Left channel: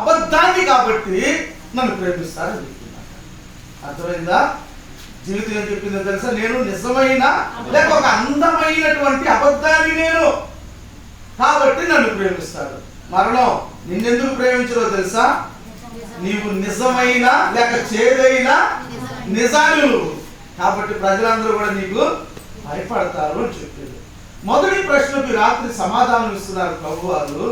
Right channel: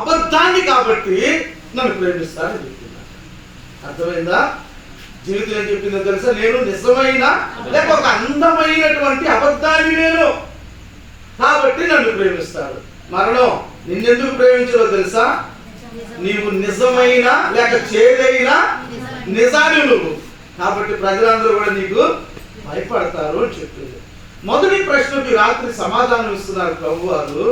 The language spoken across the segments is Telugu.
అబద్ధాన్ని కాబట్టి నన్ను ప్రేమిస్తారని చెప్తున్నాను. అర్థమైందా? జీవితం ఏం చెప్పిందో తెలుసా? నేను నిజమైన లేక ఒక అందమైనటువంటి అబద్ధాన్ని నేను కాబట్టి నన్ను ప్రేమిస్తాడు. మరణం నిన్నెందుకు ప్రేమించదో తెలుసా? నీవు నిజమైన లేక చేదైన నిజాన్ని నువ్వు కాబట్టి ప్రజలందరూ కూడా నీకు భయపడతారు అని చెప్పింది. మొదటి ప్రశ్నకి రాత్రి సమాధానం ఇస్తున్నారు ప్రభు వారు.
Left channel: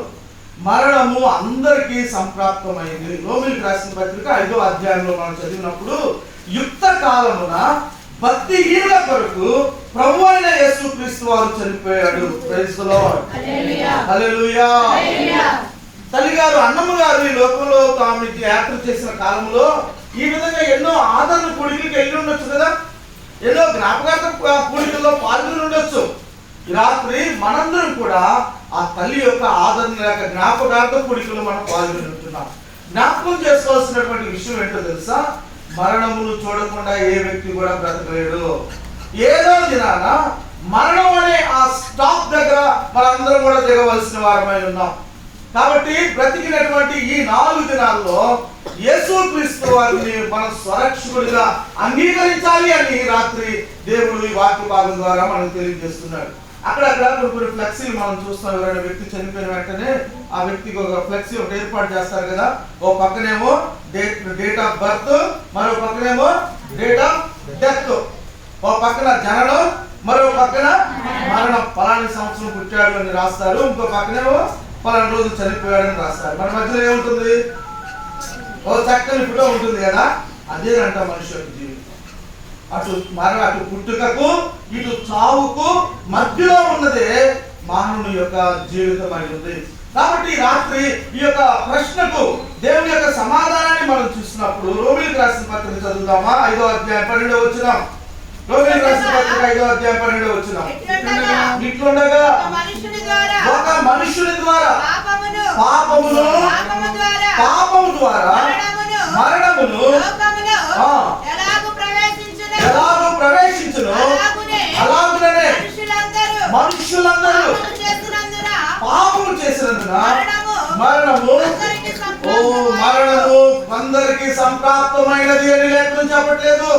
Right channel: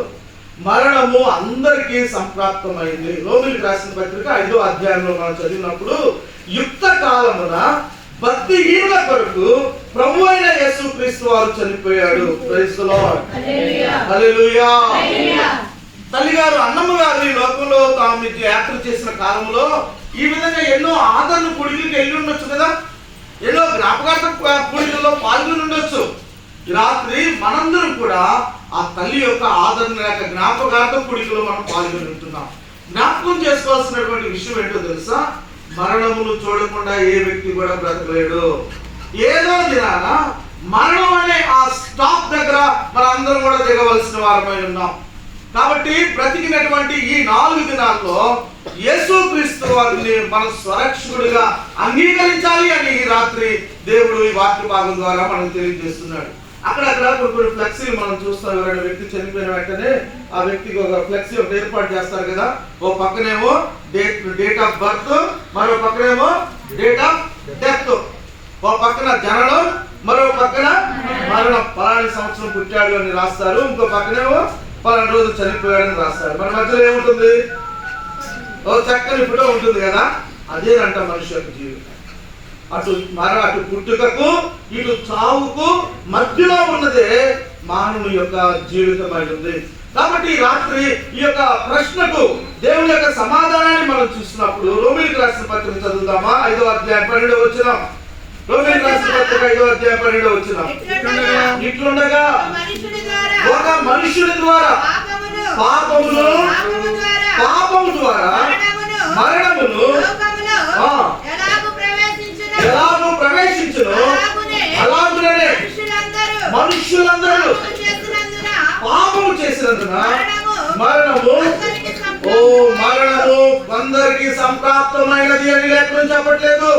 మరణము అందరికీ సంప్రాప్తమైంది. రోమీయులకు రాసిన పత్రిక 5వ అధ్యాయంలో మనం చదివినప్పుడు యుక్త కాలమున భక్తిహీనుల కొరకు ప్రభు అయిన యేసుక్రీస్తు వారు చనిపోయాడు. Praise the Lord. హల్లెలూయా. తల్లిగారు అన్నమ్మ గారు ఈ లోకంలో తాము యాత్ర చేసిన కాలంలో ఈ విధంగా ఎన్నో ఆదరణ కూడికలకు వెళ్ళి ఉండొచ్చు కదా, ఎన్నో జ్ఞాపకార్థ కూడికల్లో పాల్గొని ఉండొచ్చు. రాత్రి మనందరం కూడా ఆ తల్లి యొక్క ఆదరణ లేక జ్ఞాపకార్థ కూడికలో మనం పాల్గొని ఉంటున్నాం. జ్ఞాపకం చేసుకోవాల్సినటువంటి విషయం ఏంటో తెలుసా? మరణమును చూడకుండా ఏ వ్యక్తి కూడా బ్రతకలేడు. ఏదో దినాన మరణం అనే ఆ స్టాప్ దగ్గర మనందరం కూడా దిగవలసిన వారమై ఉన్నాం. కాబట్టి బ్రతికినటువంటి ఈ 4 దినాల్లో యేసుక్రీస్తు వారిని మన స్వరక్షకుడిగా అంగీకరించాలి అని రాత్రి దేవుడు ఈ వాక్య భాగం ద్వారా మనం తెలియజేస్తున్నాడు. అక్కడక్కడ కొన్ని ఫ్లెక్సీలు మనం చూస్తాం. ఎవరైనా వ్యక్తి చనిపోయిన వెంటనే ఆ వ్యక్తికి ఒక ఫ్లెక్సీ ఒకటి ఏర్పాటు చేస్తారు కదా. ఓ పక్కనేమో డేట్ ఆఫ్ బర్త్, మరో పక్కనేమో డేట్ ఆఫ్ డెత్. ఓ పక్కన జననం, మరో పక్కన మరణం. పలాని సంవత్సరం పుట్టాడు అని రాస్తారు. ఇంకో పక్కనేమో పలానా రోజు చనిపోయాడని రాస్తారు. మన మధ్యలో ఏముంటుంది? ఓ చక్కని ఫోటో ఉంటుంది కదా. అదేనంట మనిషి యొక్క జీవితం. అటు పుట్టుకకు ఇటు చావుకు మధ్యలో ఉన్నదే మానవుని యొక్క జీవితం అయి ఉంది. కాబట్టి రాత్రి ఈ యొక్క ప్రశ్నకు దేవుని యొక్క సమాధానాన్ని మనం చూసినప్పుడు రోమీయులకు రాసిన పత్రిక చదువుదామా? 5వ అధ్యాయం 12వ వచనం. రోమీయులకు రాసిన పత్రిక 5వ అధ్యాయం 12వ వచనం. ఇట్లుండగా ఒక మనుషుని ద్వారా పాపము ద్వారా మరణమును ఎలాగూ ప్రవేశించును అలాగునే మనుషులందరూ పాపము చేసినందున మరణము అందరికీ సంప్రాప్తమైనది అని లేఖనం చెప్పట్లేదు.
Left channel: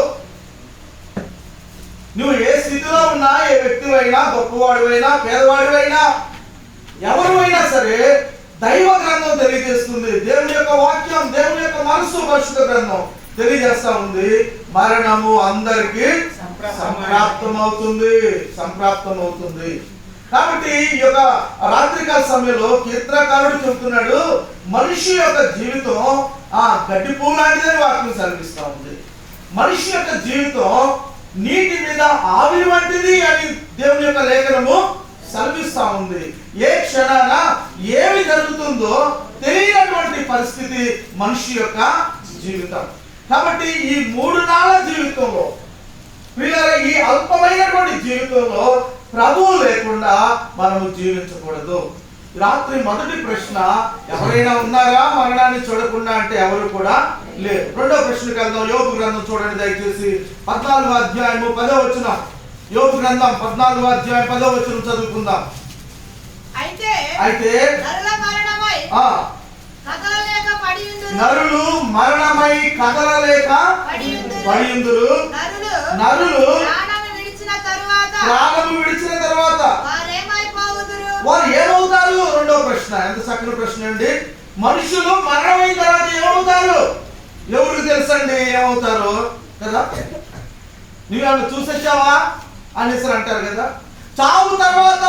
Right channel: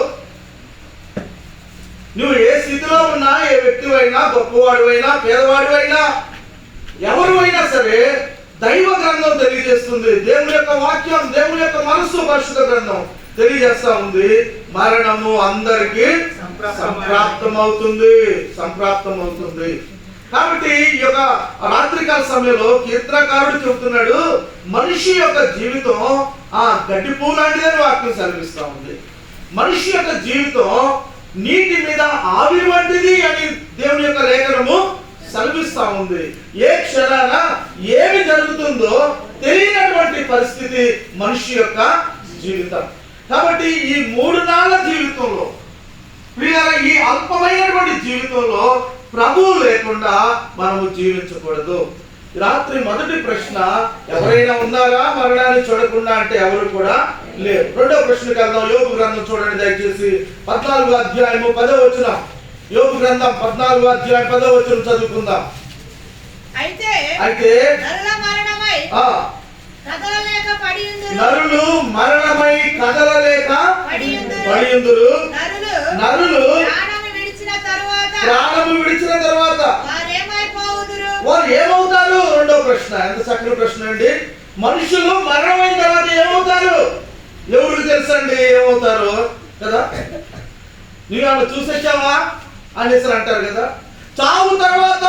నువ్వు ఏ స్థితిలో ఉన్నా, ఏ వ్యక్తివైనా, గొప్పవాడివైనా, పేదవాడివైనా, ఎవరు అయినా సరే దైవ గ్రంథం తెలియజేస్తుంది. దేవుని యొక్క వాక్యం, దేవుని యొక్క మనసు పరిశుద్ధ గ్రంథం తెలియజేస్తా ఉంది. మరణము అందరికీ సంప్రాప్తమవుతుంది. కాబట్టి ఈ యొక్క రాత్రికాల సమయంలో కీర్తనకారుడు చెబుతున్నాడు, మనిషి యొక్క జీవితం గడ్డి పువ్వు లాంటిదని వాక్యం సెలవిస్తా ఉంది. మనిషి యొక్క జీవితం నీటి మీద ఆవిరి వంటిది అని దేవుని యొక్క లేఖనము సెలవిస్తా ఉంది. ఏ క్షణాన ఏమి జరుగుతుందో తెలియనటువంటి పరిస్థితి మనిషి యొక్క జీవితం. కాబట్టి ఈ 3 నాళ్ళ జీవితంలో ప్రియులారా, ఈ అల్పమైనటువంటి జీవితంలో ప్రభువు లేకుండా మనము జీవించకూడదు. రాత్రి మొదటి ప్రశ్న, ఎవరైనా ఉన్నారా మరణాన్ని చూడకుండా అంటే ఎవరు కూడా లేరు. రెండో ప్రశ్నకి వెళ్దాం. యోబు గ్రంథం చూడండి దయచేసి. 14వ అధ్యాయము 10వ వచనం. యోబు గ్రంథం 14వ అధ్యాయం 10వ వచనం చదువుకుందాం. అయితే నరులు మరణమై కదలలేక పడియుందురు. నరులు ప్రాణము విడిచిన తరువాత వారు ఏమవుతారు? రెండో ప్రశ్న. ఎంత చక్కని ప్రశ్న అండి. మనుషులు మరణమైన తర్వాత ఏమవుతారు? ఎవరికి తెలుసండి ఏమవుతారు కదా. నువ్వు వాళ్ళు చూసేసావా అనేసి అంటారు కదా. చావు తర్వాత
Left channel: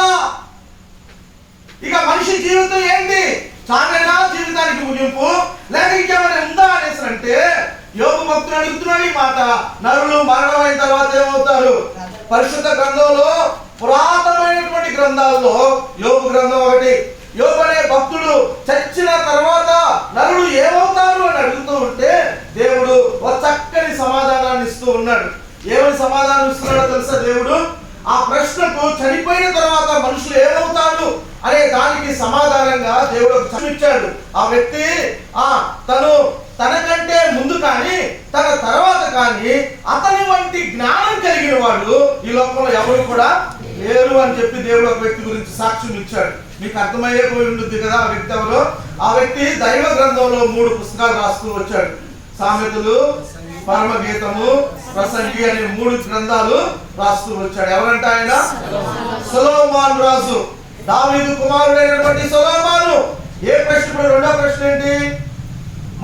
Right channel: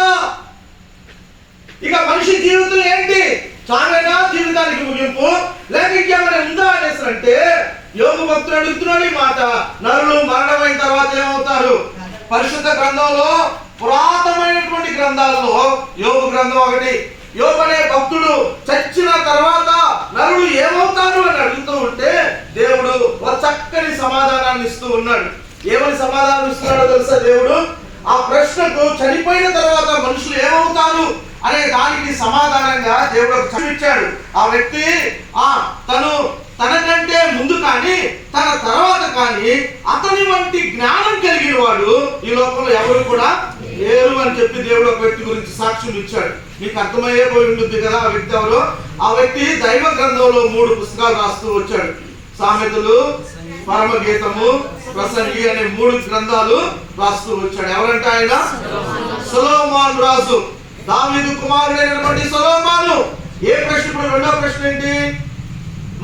ఇక మనిషి జీవితం ఏంటి? చావేనా జీవితానికి ముగింపు, లేక ఇంకేమైనా ఉందా అనేసి అంటే యోబు భక్తుడు అడుగుతున్నాడు ఈ మాట. నరులు మరణమైన తర్వాత ఏమవుతారు? పరిశుద్ధ గ్రంథంలో, పురాతనమైనటువంటి గ్రంథాల్లో యోబు గ్రంథం ఒకటి. యోబు అనే భక్తుడు చచ్చిన తర్వాత నరుడు ఏమవుతారు అని అడుగుతూ ఉంటే దేవుడు ఒక చక్కని సమాధానాన్ని ఇస్తూ ఉన్నాడు. ఏమని సమాధానం ఇస్తున్నాడో తెలుసా దేవుడు? ఆ ప్రశ్నకు చనిపోయిన తర్వాత మనుషులు ఏమవుతారు అనే దానికి సమాధానంగా దేవుడు ఇచ్చాడు. ఆ వ్యక్తి తనకంటే ముందు కానీ తన తర్వాత కానీ అతని వంటి జ్ఞానం కలిగిన వాడు ఈ లోకంలో ఎవరు కూడా లేరు అని చెప్పి దేవుడు ఒక వ్యక్తి గురించి సాక్ష్యం ఇచ్చాడు. మీకు అర్థమయ్యేపోయి ఉంటుంది కదా ఆ వ్యక్తి ఎవరో. ఆ వ్యక్తి దైవ గ్రంథంలో 3 పుస్తకాలు రాస్తూ వచ్చాడు. సామెతలు, పరమగీతము, ప్రసంగి అనే 3 గ్రంథాలు రాస్తూ వచ్చాడు. ఎవరంటే ఆయన సొలొమోను రాజు, దావీదు కుమారుడైనటువంటి సొలొమోను. ఏ ప్రశ్న? ఇప్పుడు రెండో ప్రశ్న ఏంటి?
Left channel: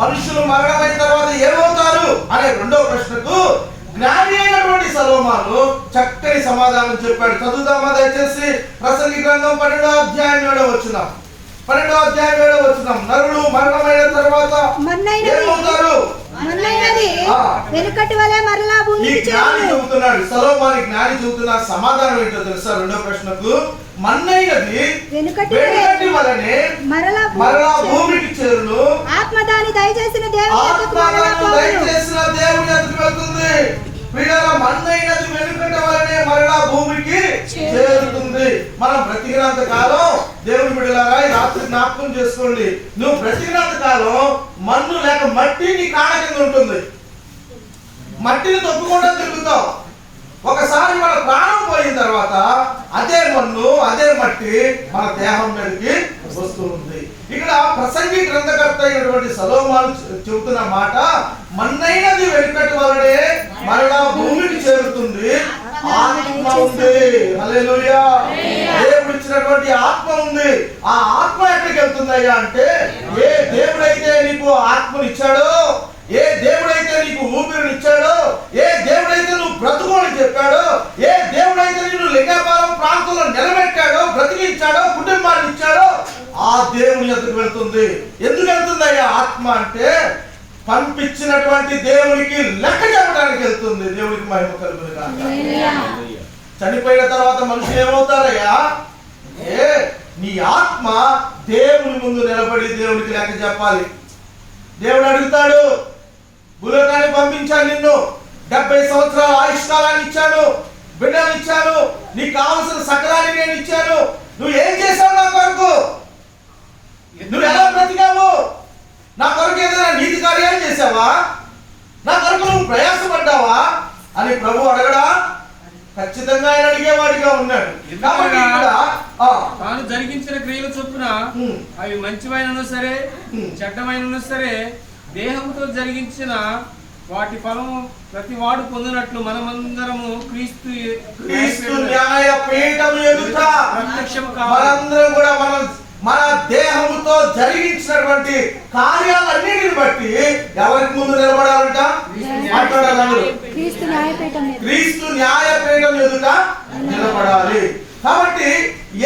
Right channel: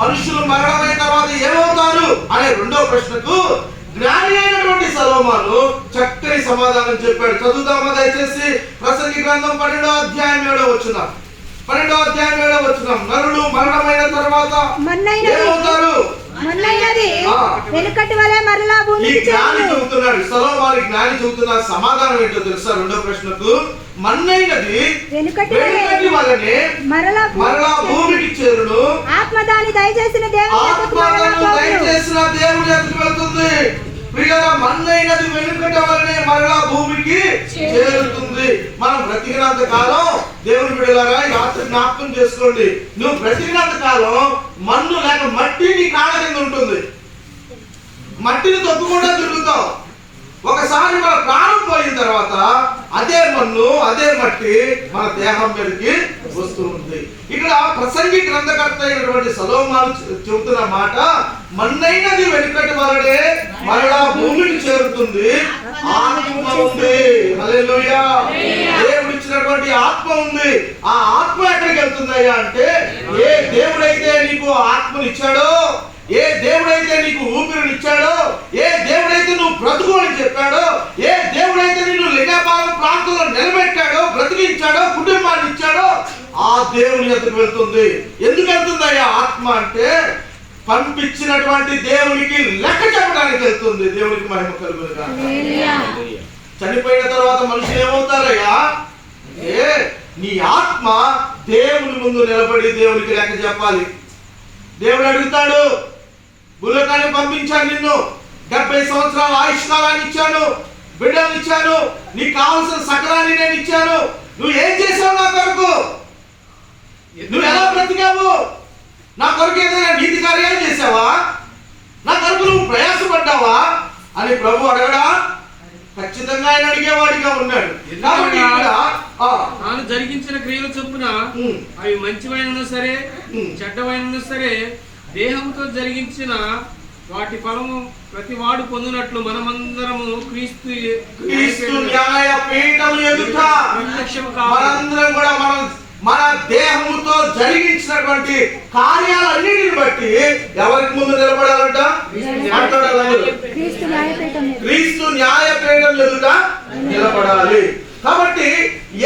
మనుషులు మరణమైన తర్వాత ఏమవుతారు అనే రెండో ప్రశ్నకు జ్ఞాని అయినటువంటి సొలొమోను చక్కని సమాధానం చెప్పాడు. చదువుదామా దయచేసి? ప్రసంగి గ్రంథం 12వ అధ్యాయం 7వ వచనం. 12వ అధ్యాయం 7వ వచనం. నరులు మరణమైన తర్వాత ఏమవుతారు? వెనుకటి వలె మరలా భూమికి జ్ఞాని చెబుతున్నాడు. సొలొమోను జ్ఞాని చెబుతున్న సమాధానం ఏంటో తెలుసా? రెండో ప్రశ్నకు మన్నైనది వెనుకటి వలనే మరలా భూమికి చేరును. ఆత్మ దాన్ని దయచేసిన దేవుని ఎదురు వెళ్తుంది. ప్రియులారా, మన్నైనది వెనుకటి వలనే మరలా భూమికి చేరుతుంది. మనం బ్రతికినంత కాలం దేవుని బిడ్డలారా ఈ రాత్రి జ్ఞాపకం చేసుకోండి. నువ్వు బ్రతికినంత కాలం మన్ను లేక మట్టి నీ కాళ్ళ కింద ఉంటుంది. మట్టిని తొక్కుకుండా తిరుగుతావు. ఒకసారి మన ప్రాణం పోయిన తర్వాత అదే మన్ను, అదే మట్టి మన దేహం మీదకి వస్తూ ఉంది. ఇక్కడ ప్రసంగి గ్రంథకర్త అయినటువంటి సొలొమోను చెబుతున్న మాట, మన్నైనది వెనుకటి వలనే మరలా భూమికి చేరుతుంది. ఆత్మ ఉంది. హల్లెలూయా. దేవుడు ఇచ్చినటువంటి ఆత్మ ఉంది. ఆ ఆత్మ ఎక్కడికి వెళ్తుందయ్యా అంటే, ఏ దేవుడైతే నీకు ఆత్మని ఇచ్చాడో, ఏ దేవుడైతే నీకు ఊపిరినిచ్చాడో, ఏ దేవుడైతే నువ్వు బ్రతుకోని చెప్పాడో, ఏ దేవుడైతే నిన్ను లింగాపాలెం ప్రాంతంలో నిలబెట్టాడో, బ్రతికించాడో, కుటుంబాన్ని ఇచ్చాడో, ఆ దేవుని ఎదురు వెళ్తుంది. ఎందుకు వెళ్తుందయ్యా ఆత్మ అంటే, పంపించినటువంటి దేవునికి లెక్క చెప్పడానికి వెళ్తుంది. దేవునికి మహిమ కలుగును గాక. చనిపోయిన తర్వాత మనుషులు ఏమవుతారయ్యా? నీ ఆత్మ దేవుని ముందు నిలబడి దేవునికి లెక్క చెప్పాలి. దేవుడు అడుగుతాడు, భూలోకాన్ని పంపించాను, నిన్ను 70 సంవత్సరాల ఆయుష్కాలాన్ని ఇచ్చాను, బిడ్డలు ఇచ్చాను, నీకు కావలసిన సకలాన్ని నేను ఇచ్చాను, నువ్వు ఏం చేశావు నా కొరకు? నువ్వు ఎలా బ్రతికావు? నా కొరకు ఏదైనా నీతి కార్యాలు చేసావా? నా కొరకు నువ్వు ప్రయాసపడ్డావా అని ప్రభు అడగడా? ఖచ్చితంగా ఆయన అడిగేవాడిగా ఉన్నాడు. కాబట్టి ఇక్కడ తాను జరిగించిన క్రియల చొప్పున అవి మంచివైనను సరే చెడ్డవైనను సరే దేహంతో జరిగించిన వాటి ఫలము ప్రతి వాడు పొందినట్లు మనమందరము క్రీస్తు న్యాయపీఠం ఎదుట ప్రత్యక్షం మనందరం కూడా మన దేహముతో జరిగించినటువంటి కార్యాలన్నిటిని బట్టి ఎవరికి ముందు నిలబడాలంట? క్రీస్తు న్యాయపీఠం ఎదుట నిలబడాలి. కాబట్టి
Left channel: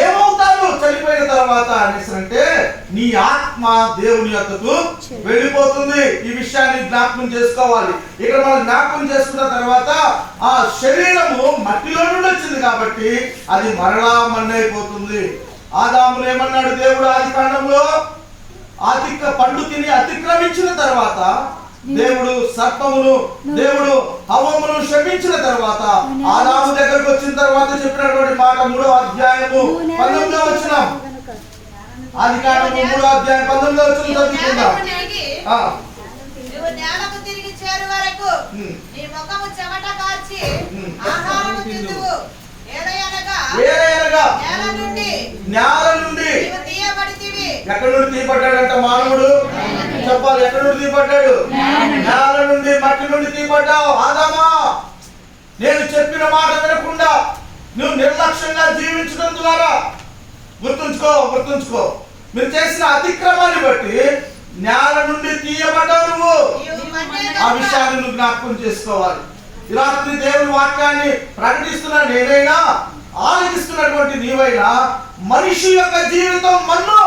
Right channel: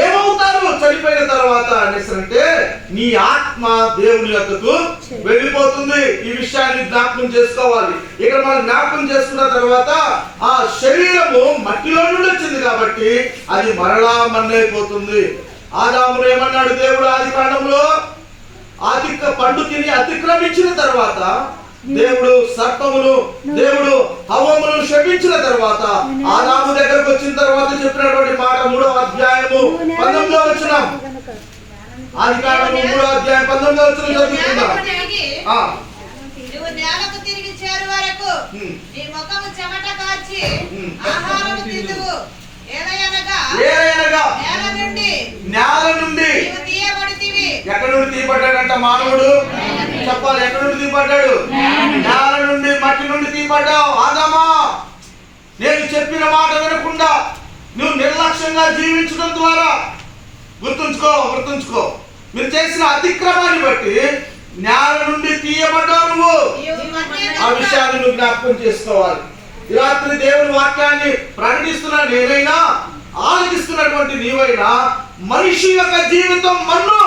ఏమవుతారు చనిపోయిన తర్వాత అనేసి అంటే, నీ ఆత్మ దేవుని యొద్దకు వెళ్ళిపోతుంది. ఈ విషయాన్ని జ్ఞాపకం చేసుకోవాలి. ఇక్కడ మనం జ్ఞాపకం చేసుకున్న తర్వాత ఆ శరీరము మట్టిలో నుండి వచ్చింది కాబట్టి అది మరలా మన్నైపోతుంది. ఆదామును ఏమన్నాడు దేవుడు ఆది కాండంలో? పండు తిని అతిక్రమించిన తర్వాత దేవుడు సర్పమును, దేవుడు హవ్వమును శపించిన తర్వాత ఆదాము దగ్గరకు వచ్చిన తర్వాత చెప్పినటువంటి మాట 3వ అధ్యాయము 19వ వచనం. ఆది కాండము 3వ అధ్యాయం 19వ వచనం చదువుకుందాం. నేలకు తిరిగి చేరు వరకు నీ ముఖము చెమట కార్చి ఆహారము తిందువు. నేల నుండి ఎక్కడి నుండి తీయబడ్డాడంట మానవుడు? చెప్పాలి, ఎక్కడి నుండి తీయబడ్డాడు? నేల నుండి, మట్టి నుండి తీయబడ్డావు. ఆదామా, నేను చెప్పిన మాట వినకుండా నువ్వు నిర్లక్ష్యంగా జీవించడం ద్వారా గుర్తుంచుకో, మీరు చేసిన అతిక్రమాన్ని బట్టి నేల నుండి తీయబడ్డావు నువ్వు. ఆ విషయాన్ని నువ్వు జ్ఞాపకం చేసుకోవాలి. ఈ రాత్రి దేవుని వాక్యాన్ని ప్రకటిస్తున్నా నేనైనా, ఆలోచిస్తున్నటువంటి నీవైనా, మనిషి యొక్క జీవితం మన్ను.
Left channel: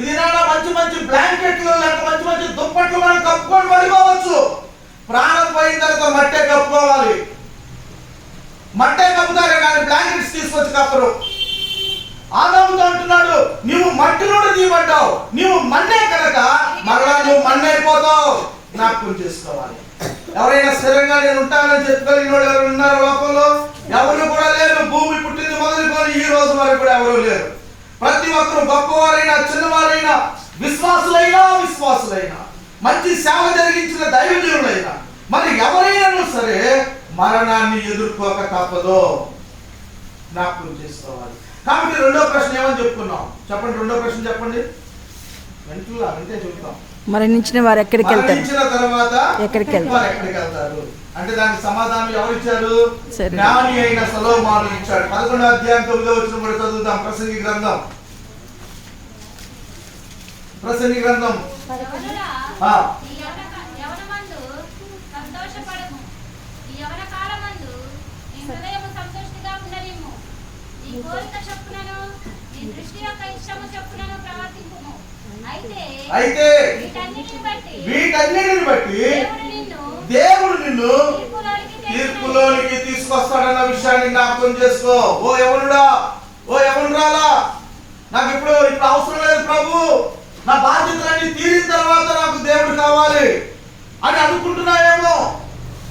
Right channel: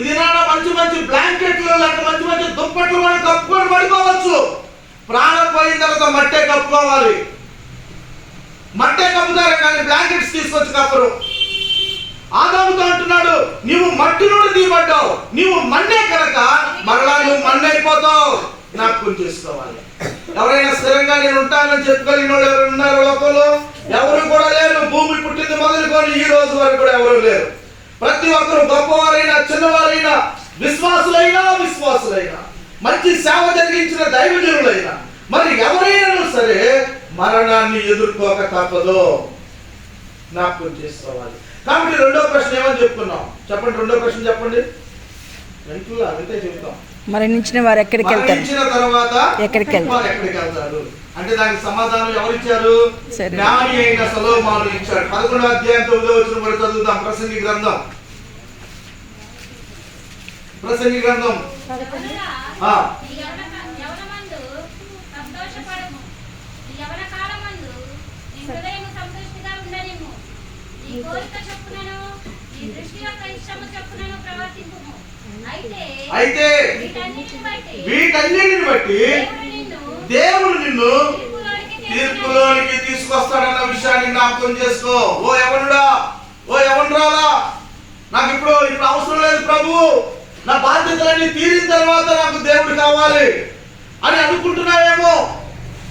ఇది నాన్న మంచి మంచి బ్లాంకెట్లు లేక మంచి మంచి దుప్పట్లు మనం కప్పుకొని పడుకోవచ్చు. ప్రాణం పోయిన తర్వాత మట్టే కప్పుకోవాలి. మట్టే కప్పుతారు కానీ బ్లాంకెట్స్ తీసుకొచ్చి కప్పరు. ఆదాముతో అంటున్నాడు, నీవు మట్టి నుండి తీయబడ్డావు, నీవు మన్నే కనుక మరలా నువ్వు మన్నైపోతావు. జ్ఞాపకం చేసుకోవాలి. ఎవరైనా స్థిరంగా నేను ఉంటానని చెప్పగలిగిన వాళ్ళు ఎవరు ఉన్నారు లోకంలో? ఎవరు కూడా లేరు. భూమి పుట్టింది మొదలుకొని ఈ రోజు వరకు కూడా ఎవరు లేరు. ప్రతి ఒక్కరు గొప్పవారైనా చిన్నవారైనా, విశ్వాసులైనా, మంచి సేవ జరిగించిన దైవజనులైనా, మరి ఎవరైనా సరే మరణాన్ని ఎదుర్కోక తప్పదు. జ్ఞాపకం చేసుకోవాలి. కాబట్టి రెండో ప్రశ్న ఏమని చెప్పుకున్నాం? చెప్పండి, రెండో ప్రశ్న చెప్పండి. వింటే చెప్తాం. మరణించిన వారు ఎక్కడికి వెళ్తారు? మరణించిన తర్వాత ఎక్కడికి వెళ్తారు? వారు ఎక్కడికి వెళ్తారు అంటే దానికి సమాధానం ఎవరు ఇచ్చారు? సరే. జ్ఞాని అయిన సొలొమోను ఇచ్చాడు. 11వ అధ్యాయం 9వ వచనం కూడా చదువుదాం. ప్రసంగి గ్రంథం యవనుడా, ఆ, ఈ యవనమందు సంతోషపడము. ఈ యవన కాలమందు నీ హృదయము సంతోషిగా ఉండనిమ్ము. నీ కోరిక చొప్పునను నీ దృష్టి యొక్క ఇష్టము చొప్పునను ప్రవర్తింపుము. అయితే వీటన్నిటిని బట్టి దేవుడు నిన్ను తీర్పులోనికి తీసుకొస్తాడన్న విషయాన్ని జ్ఞాపకం చేసుకో. ఓ యవనుడా, ఓ యవనురాలా, నాకు ఇప్పుడు అవసరం లేదు ప్రభు, నా బాధ్యతలన్నీ తీరిన తర్వాత నాకు దేవుడు కావాలి అని అనుకుంటున్నాయేమో.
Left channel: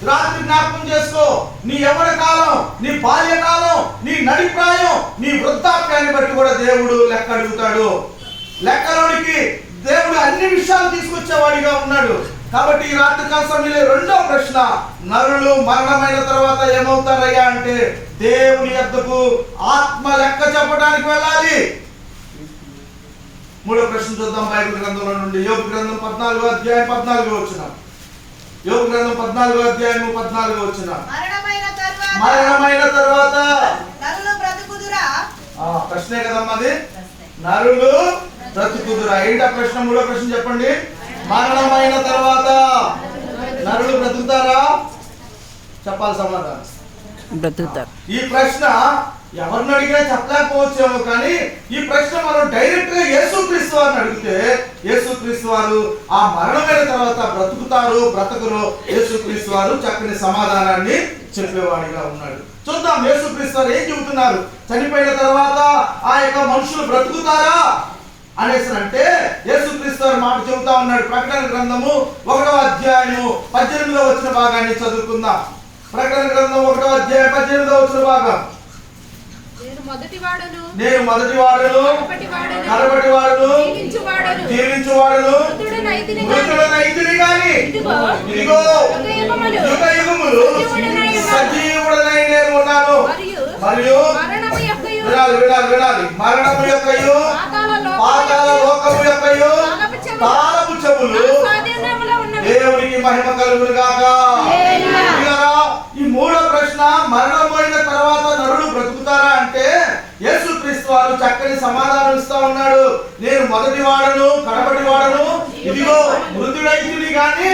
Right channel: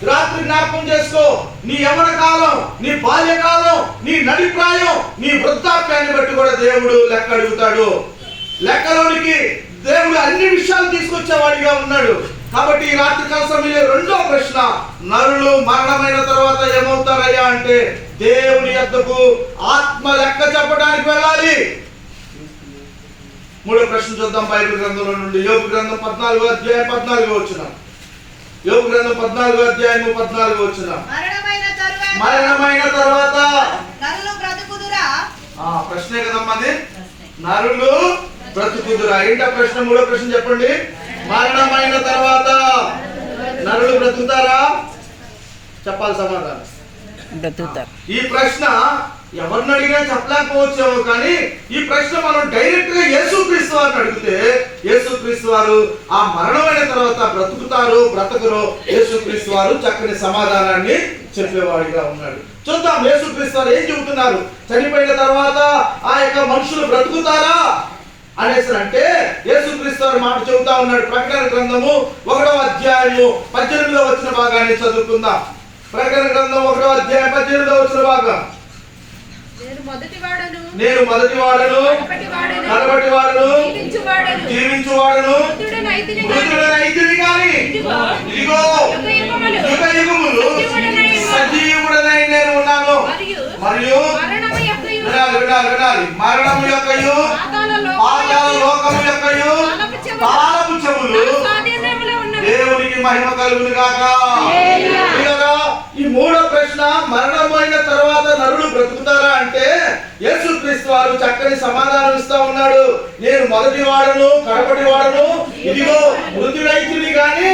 రాత్రి జ్ఞాపకం చేసుకో. నీ యవ్వన కాలం, నీ బాల్యకాలం, నీ నడిప్రాయం, నీ వృద్ధాప్యాన్ని బట్టి కూడా దేవుడు లెక్క అడుగుతాడు. లెక్కలోనికి దేవుడు అన్ని విషయాలు తీసుకొచ్చేవాడిగా ఉన్నాడు. కాబట్టి ఈ రాత్రి కాల సమయంలో రెండో ప్రశ్న, నరులు మరణమైన తర్వాత ఏమవుతారయ్యా అంటే దేవుని యొద్దకు ఆత్మ లెక్క చెప్పడానికి వెళ్ళాలి. మూడో ప్రశ్న చూద్దాం బైబిల్ గ్రంథంలో నుండి. యోబు గ్రంథం 14వ అధ్యాయం 14వ వచనం. యోబు గ్రంథం 14వ అధ్యాయం 14వ వచనం. మరణమైన తర్వాత నరులు బ్రతుకుదురా? ప్రశ్నే కదమ్మా అది. నరులు బ్రతుకుదురా? ఏంటా ప్రశ్న? మూడో ప్రశ్న చెప్పండి. మరణమైన తర్వాత నరులు బ్రతుకుతారా? చెప్పాలి సమాధానం. బ్రతుకుతారు. ఈ ప్రశ్న ఎవరిని అడిగినా చెప్పలేకపోవచ్చేమో, కానీ ఈ ప్రశ్న మనం డైరెక్ట్ గా యేసుక్రీస్తు వారిని అడిగితే యేసుక్రీస్తు వారు ఆ మరణమైన తర్వాత బ్రతుకుతారు బ్రతకరు యేసుక్రీస్తు వారు చక్కని సమాధానాన్ని చెప్పేవాడిగా ఉన్నాడు. చూద్దాం యేసుక్రీస్తు వారు ఏం చెబుతున్నారు. చనిపోయిన తర్వాత ఆ యొక్క మనుషులు బ్రతుకుతారా అనేసి అంటే యేసుక్రీస్తు వారు మాట చెబుతా ఉన్నాడు. ప్రకటన గ్రంథము 1వ అధ్యాయము 18వ వచన భాగాన్ని చదువుకుందాం. ప్రకటన గ్రంథం 1వ అధ్యాయం 18వ వచన భాగం. నేను మొదటివాడను కడపటివాడను జీవించువాడను మృతుడనైతిని గాని ఇదిగో యుగయుగములు సజీవుడనై నేను ఉన్నాను. మరియు వినాలి మరణము యొక్కయు పాతాళ లోకము యొక్కయు తాళపు చెవులు దేవునికి మహిమ కలుగును గాక. ఈ మూడో ప్రశ్న, మరణమైన తర్వాత నరుడు బ్రతుకుతారా అంటే యేసుక్రీస్తు వారు చక్కని సమాధానం ఇస్తా ఉన్నాడు. నేను మొదటి వాడను కడపటి వాడను, ఇదిగో మృతుడైతుని గాని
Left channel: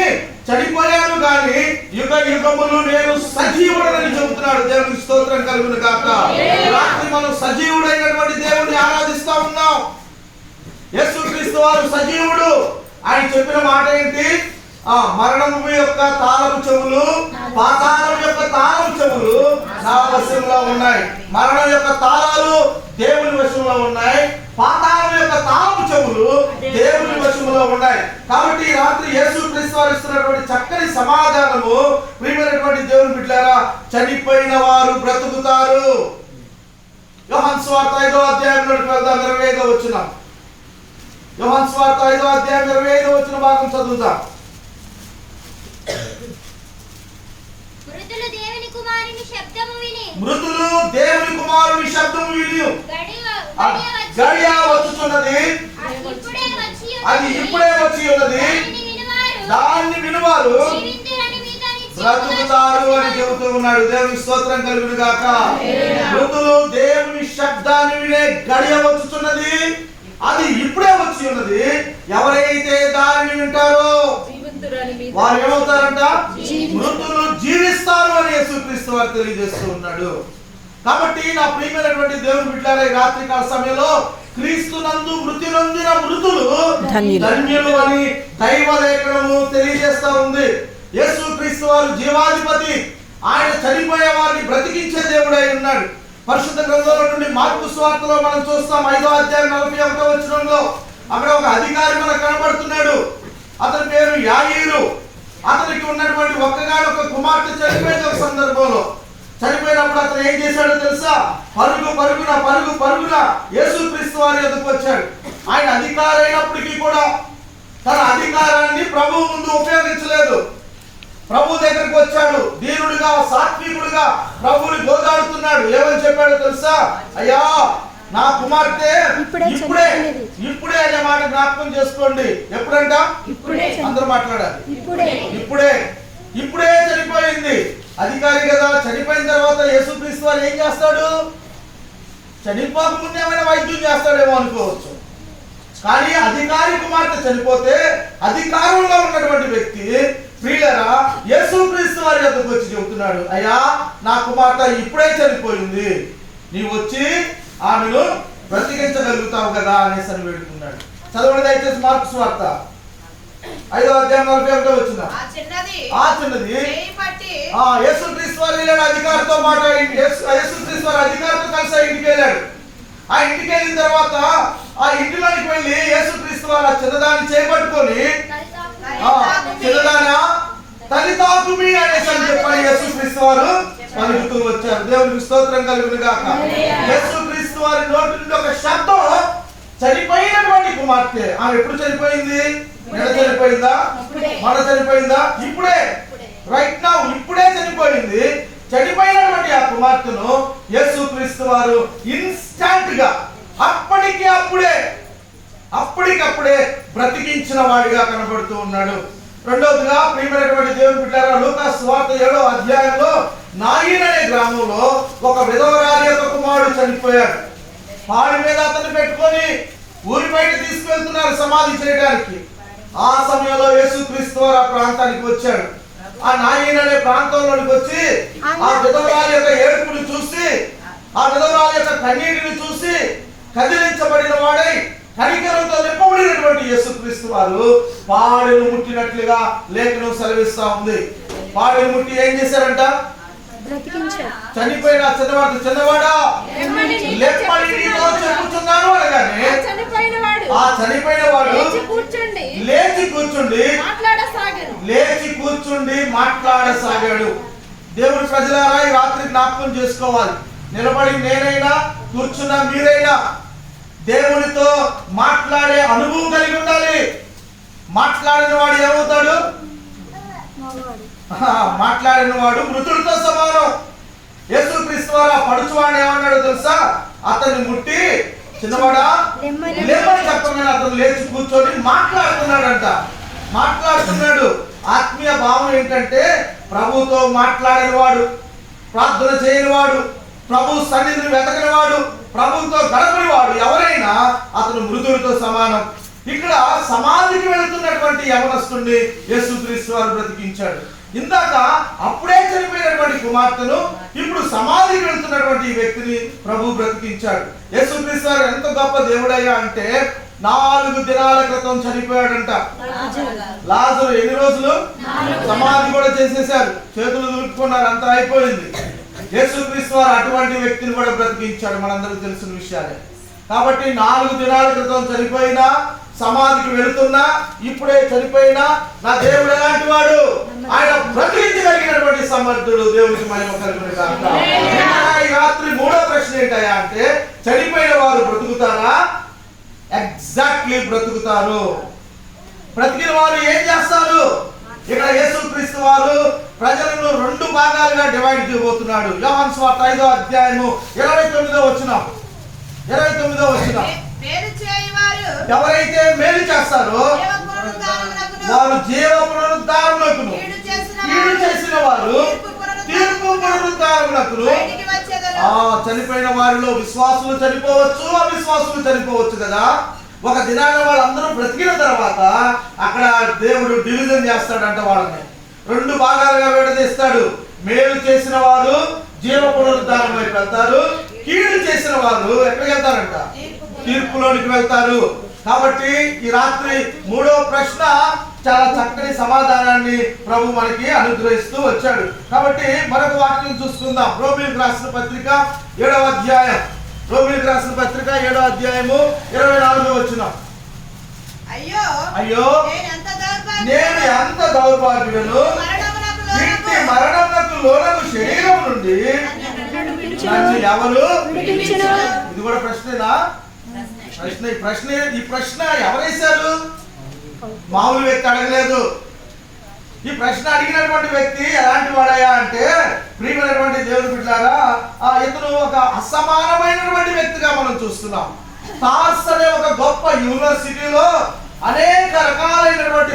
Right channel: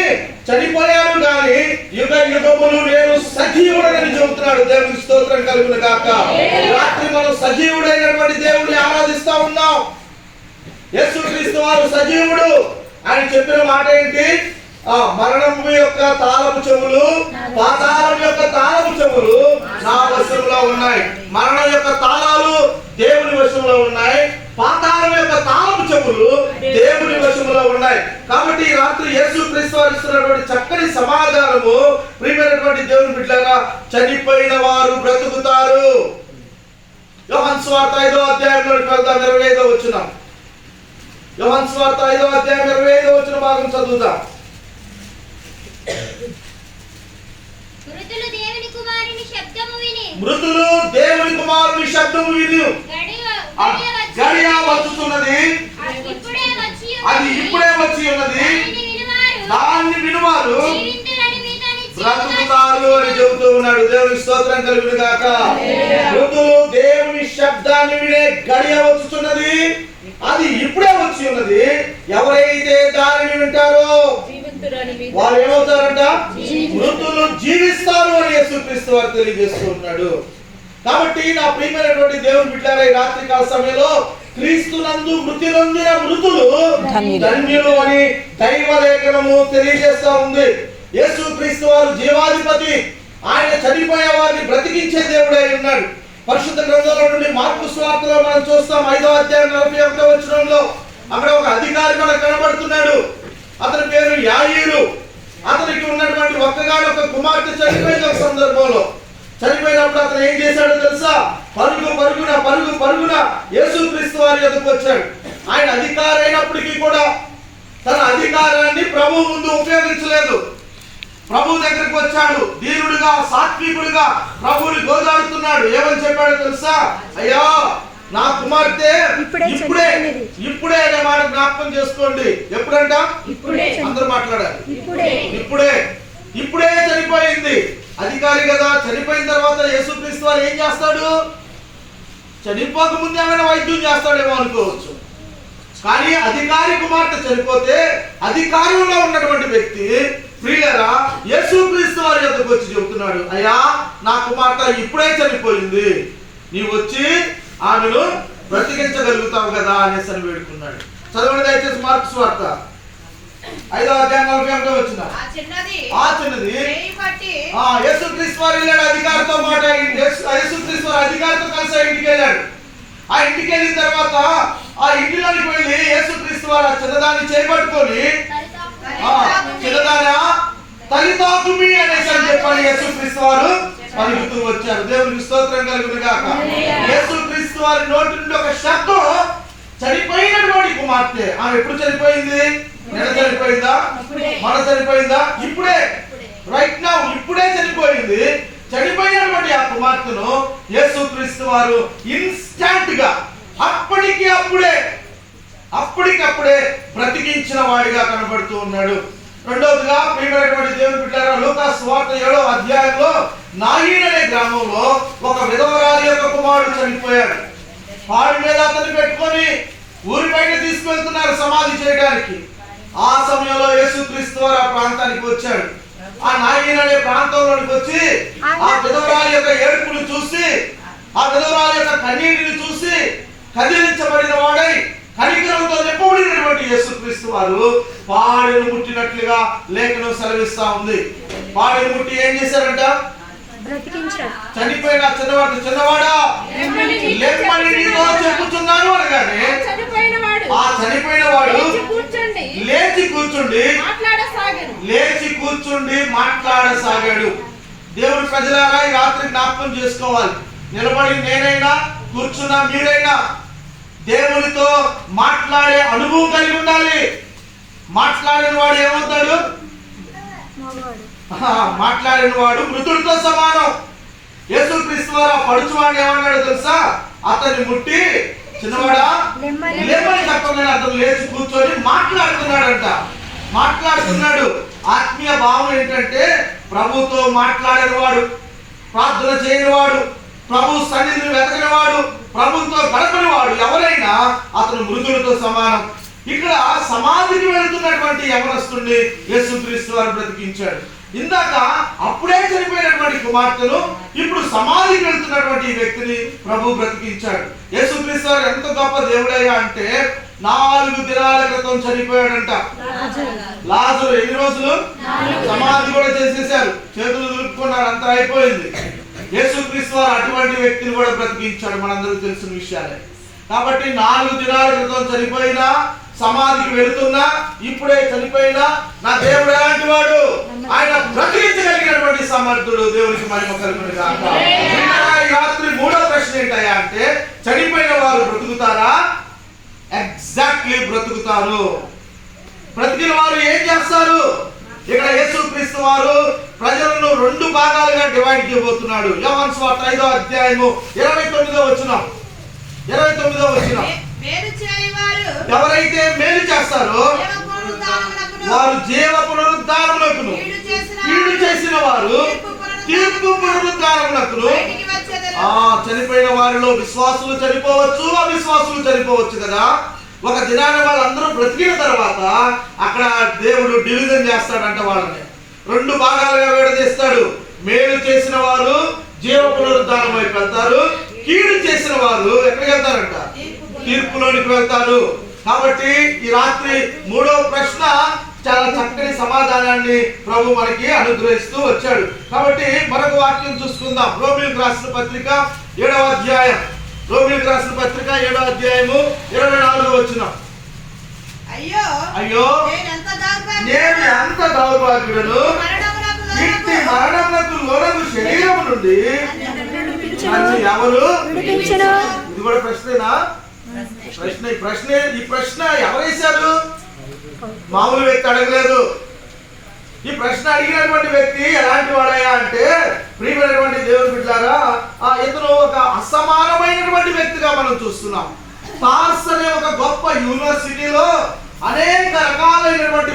చనిపోయాను గాని యుగ యుగములు నేను సజీవుడని చెబుతున్నాడు. దేవునికి స్తోత్రం కలుగును గాక. రాత్రి మనం సజీవుడైనటువంటి దేవుని ఆరాధిస్తా ఉన్నాం. యేసుక్రీస్తు వారు సజీవుడు. ఆయన చెప్పిన మాట ఏంటి? మరణం యొక్క తాళపు చెవులు పాతాళం యొక్క తాళపు చెవులు నా వశంలో ఉన్నాయి. మరణం యొక్క తాళాలు దేవుని వశంలో ఉన్నాయి, పాతాళం యొక్క తాళపు చెవులు దేవుని వశంలో ఉన్నాయి. కాబట్టి ఈ రాత్రి యేసుక్రీస్తు వారు ఇస్తున్నటువంటి చక్కని సమాధానము, ప్రియమైనటువంటి దేవుని బిడ్డలారా, చనిపోయిన వారు బ్రతుకుతారు. యోహాను సువార్త 5వ అధ్యాయంలోకి వెళ్దాం. 25వ వచనం. యోహాను సువార్త 5వ అధ్యాయం 25వ వచన భాగం చదువుదాం. మృతులు దేవుని కుమారుని శబ్దము విని గడియ వచ్చుతున్నది, అది ఇప్పుడే వచ్చి ఉన్నది, దాన్ని వినువారు బ్రతుకుతారు అని చెబుతూ ఉన్నాడు. దేవుని స్తోత్రం కలుగును గాక. మృతులు దేవుని శబ్దాన్ని వినే గడియ వచ్చుతున్నది, అది ఇప్పుడే వచ్చి ఉన్నది. ఎవరైతే దానిని వింటారో వారు ఏమవుతారంట? మృతులు జీవిస్తారు అని యేసుక్రీస్తు వారు తెలియజేస్తూ ఉన్నాడు. కాబట్టి నా ప్రియమైనటువంటి దేవుని బిడ్డలారా, ఈ రాత్రి కాల సమయంలో క్రీస్తునందు మృతి నొందిన మృతులు ధన్యులు అని దైవ లేఖనము తెలియజేస్తా ఉంది. యేసుక్రీస్తు వారు జీవాధిపతి. ఆయన చనిపోయే వారిని బ్రతికించే దేవుడై ఉన్నాడు. పరిశుద్ధ గ్రంథంలో నుండి మార్కు సువార్తలో మనం చూస్తాం 5వ అధ్యాయం 41వ వచనంలో అక్కడ ఒక అధికారి మనకు కనబడుతున్నాడు. అతని పేరు యాయీరు. అతనికి ఉన్నటువంటి ఒక్కగానొక్క కుమార్తె చనిపోయిన ఒక సందర్భంలో, చనిపోయినప్పుడు అతను ఏం చేశాడో తెలుసా? పరుగున యేసుక్రీస్తు వారి యొద్దకు వచ్చాడు. ఆయన అధికారి అయినప్పటికీ కూడా తన అధికారాన్ని ప్రభువు ముందు ఉపయోగించలేదు. ప్రభు దగ్గరికి వచ్చాడు, దీనుడుగా సాత్వికుడుగా ప్రభువుని గోదాడుతున్నాడు. ఏమని చెప్పాడో తెలుసా? అయ్యా నా కుమార్తె ఇప్పుడే అనే మాట జ్ఞాపకం చేసుకోండి. ఎప్పుడంట? అందరూ మాట్లాడాలి. ఇప్పుడే చనిపోయింది. అధికారి కదా, చనిపోయిన తర్వాత యేసుక్రీస్తు వారు ఏం చేస్తాడు? చనిపోక ముందు ఏమైనా వైద్యం చేస్తాడేమో అనుకోవచ్చు. కానీ అధికారి కుమార్తె చనిపోతే అధికారంలో ఉన్నటువంటి వ్యక్తి ప్రియులారా యేసుక్రీస్తు వారి యొద్దకు వచ్చి చెబుతున్నాడు, అయ్యా నా కుమార్తె ఇప్పుడే చనిపోయింది, నీవు వచ్చి ఆమెను బ్రతికించగలుగుతావు కదా అనేసి అని వేడుకున్నాడు. చదవండి దయచేసి మార్కు సువార్త 5వ అధ్యాయం 41వ వచనం. ఆ చిన్నది యేసుక్రీస్తు వారు వెళ్ళాడు, అధికారితో మాట్లాడి యేసుక్రీస్తు వారు అధికారితో కలిసి ఇంటికి వెళ్ళాడు. ఆ ఇంటికి వెళ్ళిన తర్వాత ఆ ఇంటిలోనికి వెళ్ళి యేసుక్రీస్తు వారు ఆ చిన్నదాన్ని చేపట్టుకొని చిన్నదానా తలితాకుమి అనేసి అని చెప్పని యేసుక్రీస్తు వారు పలుకుతూ వచ్చారు. దేవునికి స్తోత్రం కలుగును గాక. యేసుక్రీస్తు వారి నోటి నుండి ఒక శబ్దం, చనిపోయినటువంటి కుమార్తె. ఆమె ఎప్పుడు చనిపోయింది? నెల చనిపోయిందా? మన చనిపోయిందా? ఇప్పుడే, రైట్ నౌ ఇప్పుడే చనిపోయింది. చనిపోయినటువంటి ఆ కుమార్తెను యేసుక్రీస్తు వారు ఇన్స్టాంట్ గా అప్పటికప్పుడే బ్రతికించిన వాడిగా కనబడుతూ ఉన్నాడు. రెండోదిగా ప్రియమైనటువంటి దేవుని బిడ్డలారా, లూకా సువార్త 7వ అధ్యాయంలో నాయిన్ అనే గ్రామంలో ఒక విధవరాలి యొక్క కుమారుడు చనిపోయాడు. పాడి మీద అతన్ని పెట్టుకొని ఊరి బయట తీసుకెళ్తున్నారు సమాధి చేయడానికి. ఆ సమయంలో యేసుక్రీస్తు వారు ఆ ప్రాంతానికి వచ్చాడు. ఆ నాయిన్ అనే ప్రాంతంలోకి వచ్చి ఆ విధవరాలి యొక్క ఏడుపుని చూసి, ఆ విధవరాలి యొక్క కన్నీటిని చూసి కదిలించబడిన వాడై కనికరంతో నింపబడినటువంటి యేసుక్రీస్తు వారు పాడెను ముట్టినట్లుగా లేఖనం సెలవిస్తా ఉంది. పాడెను ముట్టి ఏం చేశారంట? చనిపోయిన చిన్నవాడా లేపమని నీతో చెప్పుచున్నాను అనగానే ఆ చనిపోయిన వాడు లేచి కూర్చుండి మాట్లాడసాగాడు. దేవుడి ప్రజలారా ఈ రాత్రి జ్ఞాపకం చేసుకోవాలి. నిలబడి నేనైనా కూర్చున్నా మీరైనా దేవునితో మాట్లాడే అనుభవం కలిగి ఉండాలి. మాట్లాడిన వాడు ఏమవుతాడు? మాట్లాడిన వాడు మృతుడితో సమానం. యేసుక్రీస్తు వారు పడుచువాడు ఏమన్నాడు తెలుసా? అతన్ని ముట్టి చిన్నవాడా లేమని చెప్పగానే అతను లేచి కూర్చొని మాట్లాడుతున్నాడు. ఆత్మీయ భావం ఏంటంటే ప్రభుతో మాట్లాడిన వాడు, ప్రార్థన చేయని వాడు, ప్రభు సన్నిధిని వెతకని వాడు, ప్రభుతో గడపని వాడు ఎవరైనా అతను మృతుడితో సమానం. ఇక్కడ సమాధికి వెళుతున్నటువంటి యవనస్తుడిని యేసుక్రీస్తు వారు బ్రతికించాడు. ఇందాక అప్పుడే చనిపోయినటువంటి కుమార్తెను ఇప్పుడు సమాధికి వెళ్తున్నటువంటి వ్యక్తిని ప్రభు బ్రతికించాడు. యేసుక్రీస్తు వారు ఎంత గొప్ప దేవుడయ్యా అంటే 4 దినాల క్రితం చనిపోయాడంట లాజరు. ఎన్ని రోజులు? సమాధి కూడా చేసేశారు, చేతులు దులుపుకున్నారు, అంతా అయిపోయింది. యేసుక్రీస్తు వారు అటువంటి వ్యక్తిని కూడా బ్రతికించాడు, మనందరికీ తెలిసిన విషయాలే. కాబట్టి 4 దినాల క్రితం చనిపోయినా, సమాధికి వెళుతున్నా, ఇప్పుడే చనిపోయినా నా దేవుడు ఎలాంటి వాడు? ఆయన బ్రతికించగలిగినటువంటి సమర్థుడు. దేవునికి మహిమ కలుగును గాక. ఈ రాత్రి 3వ ప్రశ్న ఏంటయ్యా అంటే, చనిపోయిన వారు బ్రతుకుతారా? ఎగ్జాక్ట్లీ బ్రతుకుతారు. బ్రతికిన వారు ఏం చేస్తారు? ఇక్కడ యేసుక్రీస్తు వారు ప్రజలను 2 భాగాలుగా డివైడ్ చేయబోతున్నాడు. యోహాను సువార్త 5వ అధ్యాయము 29వ వచనం. ఎవరైతే మేలు చేస్తారో వారు జీవ పునరుద్ధారమునకును, కీడు చేసిన వారు తీర్పు పునరుద్ధారమునకును. చనిపోయిన వారిలో విశ్వాసులు చనిపోవచ్చు, అవిశ్వాసులు చనిపోవచ్చు కదా. ఒక దినాన వాళ్ళందరూ బ్రతికిన తర్వాత అక్కడ దేవుడు డివిజన్ చేస్తాడంట. వాళ్ళని 2 భాగాలుగా విడదీస్తాడు. మేలు చేసిన వారు జీవ పునరుద్ధారం వైపు వెళ్తారు, కీడు చేసిన వారు ఎక్కడికి వెళ్తారంట? తీర్పులోనికి వెళ్తారు. కాబట్టి ఈ రాత్రి 3వ ప్రశ్న చాలా చక్కని సమాధానాన్ని ప్రభు మనకి అనుగ్రహిస్తూ వచ్చాడు. కాబట్టి మరొక వాక్యం చూసుకుందాం. రోమీయులకు రాసిన పత్రిక 7వ అధ్యాయం. రోమీయులకు రాసిన పత్రిక 7వ అధ్యాయము 24వ వచనం. అయ్యో నేను ఎంత దౌర్భాగ్యుడను, ఇంటి మరణమునకు లోనగు శరీరం నుండి నన్ను ఎవరు? ఇది కూడా ప్రశ్నేనా? ఈ ప్రశ్న ఎవరేశారు? మామూలు వ్యక్తి అడగలేదు. ఈ ప్రశ్న అడిగినటువంటి వ్యక్తి ఎలాంటి వాడయా అంటే, ప్రియమైనటువంటి దేవుని బిడ్డలారా, ఇతను ఒక అసమానమైనటువంటి వ్యక్తిగా మనం చూస్తున్నాం. టార్స్ అనే ఒక గొప్ప యూనివర్సిటీలో అనేక రకాలైనటువంటి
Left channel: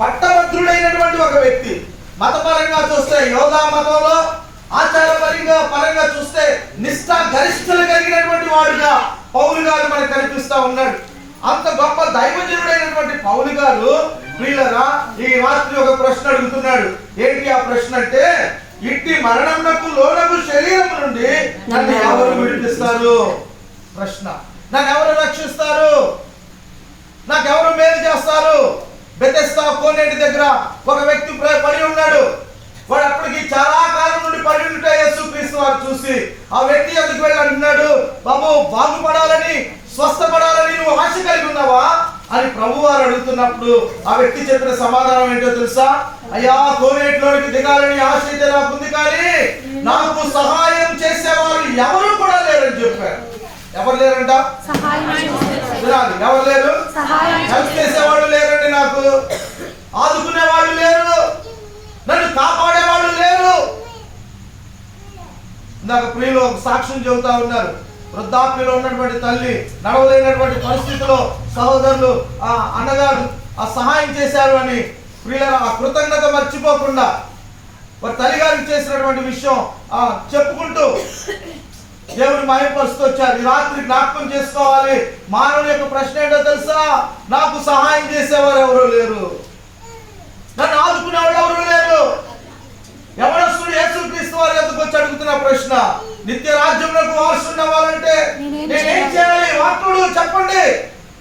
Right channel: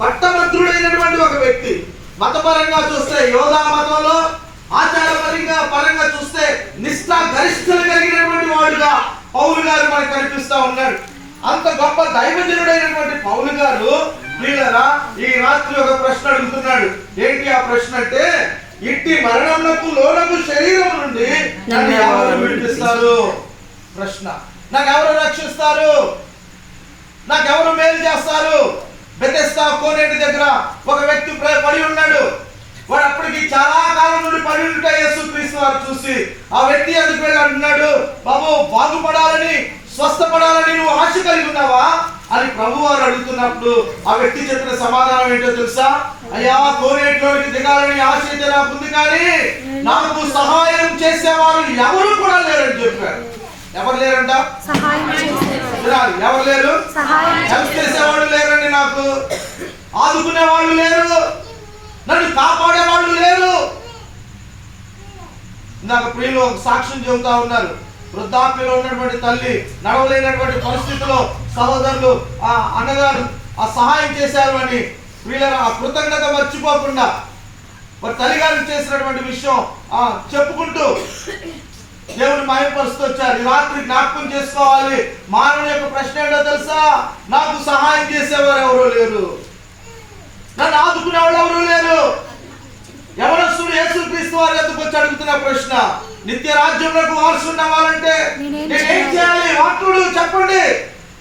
పట్టభద్రుడైనటువంటి ఒక వ్యక్తి. మతపరంగా చూస్తే యోగా మతంలో, పరంగా చూస్తే నిష్ఠా గరిష్ఠులు కలిగినటువంటి వాడుగా పౌలు గారు మనకు కనిపిస్తా ఉన్నాడు. అంత గొప్ప దైవజనుడైనటువంటి పౌలు గారు వీళ్ళరా ఈ రాత్రి ఒక ప్రశ్న అడుగుతున్నాడు. ఏంటి ఆ ప్రశ్న అంటే, ఇట్టి మరణమునకు లోనగు శరీరం నుండి నన్ను ఎవరు విడిపిస్తారు? ప్రశ్న. నాకు ఎవరు రక్షిస్తారు? నాకెవరు మేలు చేస్తారు? బెతెస్దా కోనేటి దగ్గర ఒక వ్యక్తి పడి ఉన్నాడు. వాడు అప్పటికి చాలా కాలం నుండి పడి ఉంటే యేసుక్రీస్తు వారు చూసి ఆ వ్యక్తి అందుకు వెళ్ళి అంటున్నాడు, బాబు బాగుపడాలని, స్వస్థపడాలని నువ్వు ఆశ కలిగి ఉన్నావా అని ప్రభు వారు అడుగుతున్నప్పుడు ఆ వ్యక్తి చెప్పిన సమాధానం ఏంటో తెలుసా? అయ్యా, కోనేటిలోనికి దిగాలని ఆశ అయితే నాకుంది, కానీ నాకు సహాయం చేసేవారు ఎవరు కూడా లేరని చెప్పారు. ఎవరు లేరంట? ఎవరు లేరు? హెల్ప్ చేసేవాళ్ళు లేరండి, నాకు ఆదుకునే వాళ్ళు లేరు, నన్ను కాపాడే వాళ్ళు లేరు. నాకు ప్రియులు ఒక సాక్ష్యం చెబుతా ఉన్నారు. వృద్ధాప్యంలో ఉన్నటువంటి తల్లి, నడవలేనటువంటి పరిస్థితిలో సహోదరులు అన్నగారు సహాయం చేశారు అని ప్రియుల ఆ కృతజ్ఞత మర్చిపోకుండా వారి తల్లిగారికి చేసినటువంటి విషయం చెప్పుకుంటూ దేవుని మహిమపరుస్తూ వచ్చారు. ఈ రాత్రి జ్ఞాపకం చేసుకోవాలి, మానవుని యొక్క ప్రశ్న ఏంటో తెలుసా? నాకు సహాయం చేసేవారు ఎవరూ లేరు, నన్ను ఆదుకునే వాళ్ళు ఎవరూ లేరు. యవనస్తుడు యేసుక్రీస్తు వారి వద్దకు వచ్చి అడుగుతున్న ప్రశ్న, నిత్య రాజ్యంలోకి వారసుడు అవ్వాలంటే నేనేం చేయాలి? వాక్యుడు చెప్పండి,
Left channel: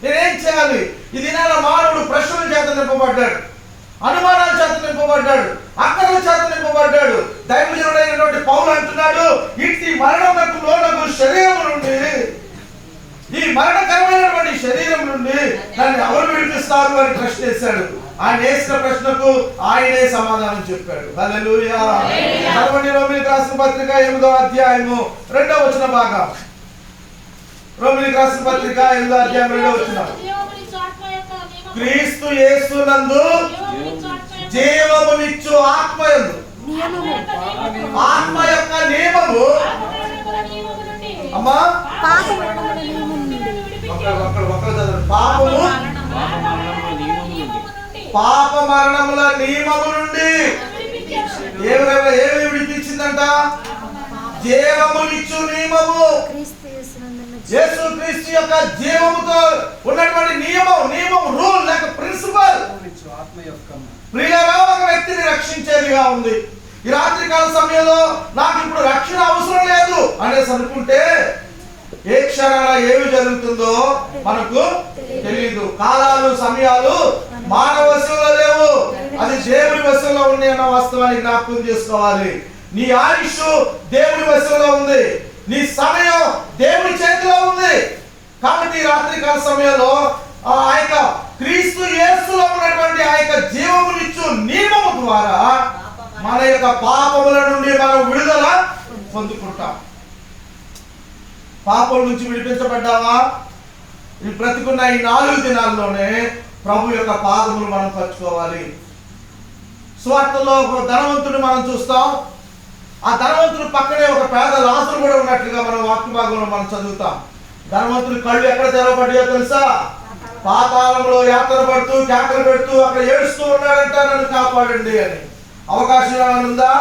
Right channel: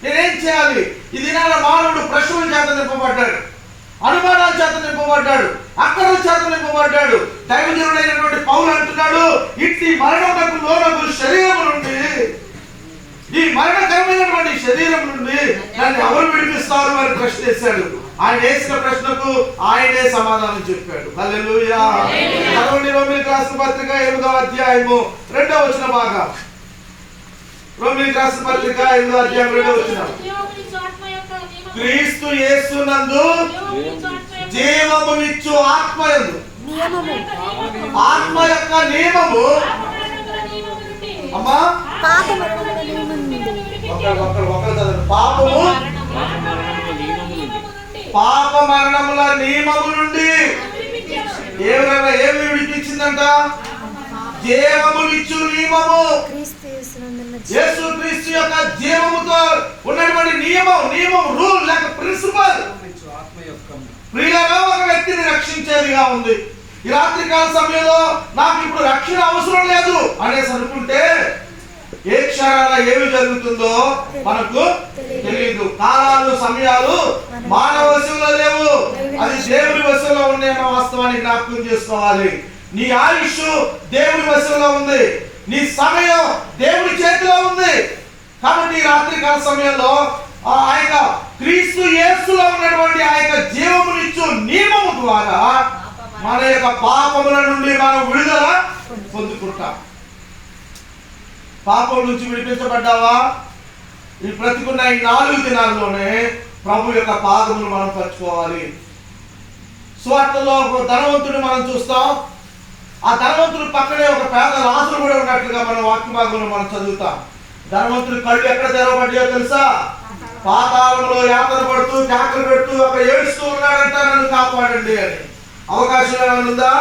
నేనేం చేయాలి? ఇది మానవుడు ప్రశ్నల చేత నింపబడ్డాడు, అనుమానాల చేత నింపబడ్డాడు, అక్కర్ల చేత నింపబడ్డాడు. దైవజనుడైనటువంటి పౌలు అంటున్నాడు, ఇట్టి మరణమునకు లోనగు శరీరం నుండి, ఈ మరణకరమైనటువంటి శరీరం నుండి నన్ను ఎవరు విడిపిస్తారు అని ప్రశ్న వేశాడు. ఆయన వేసిన ప్రశ్నకు ఆయనే సమాధానం చెప్పాడు. హల్లెలూయా. చదవండి రోమీయులకు రాసిన పత్రిక 8వ అధ్యాయము 2వ వచన భాగం. రోమీయులకు రాసిన పత్రిక 8వ అధ్యాయం 2వ వచనం. క్రీస్తు యేసునందు జీవమునిచ్చు ఆత్మయందు, ఆత్మ యొక్క నియమము అమ్మా పాప మరణముల నియమము నుండి ఏమి విడిపించిందంట? జీవమునిచ్చు నియమము. యేసుక్రీస్తు యొక్క జీవముతో ఉన్నటువంటి నియమం, రూల్ లేక ప్రిన్సిపల్ ప్రియులారా ఒక వ్యక్తిని రక్షించేదిగా ఉంది. ఈ రాత్రి కాల సమయంలో నాకు ఇప్పుడు రక్షణ అవసరం లేదు అనేసి అనుకుంటే ఏ క్షణాన ఏమి జరుగుతుందో మనకు తెలియదు. కాలాలు, సమయాలు మానవ వశంలో లేవు, అది దేవుని వశంలో ఉంది అన్న వాస్తవాన్ని జ్ఞాపకం చేసుకోవాలి. నీ ఆయుష్ దేవుని వశంలో ఉంది, నీ సమయం దేవుని చేతిలో ఉంది. కాబట్టి ఈ రాత్రి కాల సమయంలో ఆ యొక్క క్రీస్తు యేసులో ఉన్నటువంటి ఆ యొక్క జీవమునిచ్చు నియమము ద్వారా మన యొక్క పాపముల నుండి మనం విడుదల పొందుకుంటాం. పాపం నుంచి విడిపించబడ్డావా? ఈ బ్రతికున్న ఈ 4 దినాల్లోనే ప్రభు యొక్క పాదములు మనం పరుచుకోవాలి. సువార్తలో ఒక ధనవంతుడు మనం చూస్తాం. ఆ ధనవంతుడు పక్కనే ఒక పేద లాజరు కూడా ఉన్నట్లుగా మన వాక్య భాగంలో మనం చదువుతాం. ధనవంతుడి కళ్ళు ఎక్కడ తెరవబడ్డాయో తెలుసా? పాతాళంలో యాత్ర పడుతూ కేకలు పెడుతూ అక్కడ ఏడుస్తూ ఉన్నాడంట, నన్ను కాపాడండి అని. అవకాశం ఏమైనా ఉందా?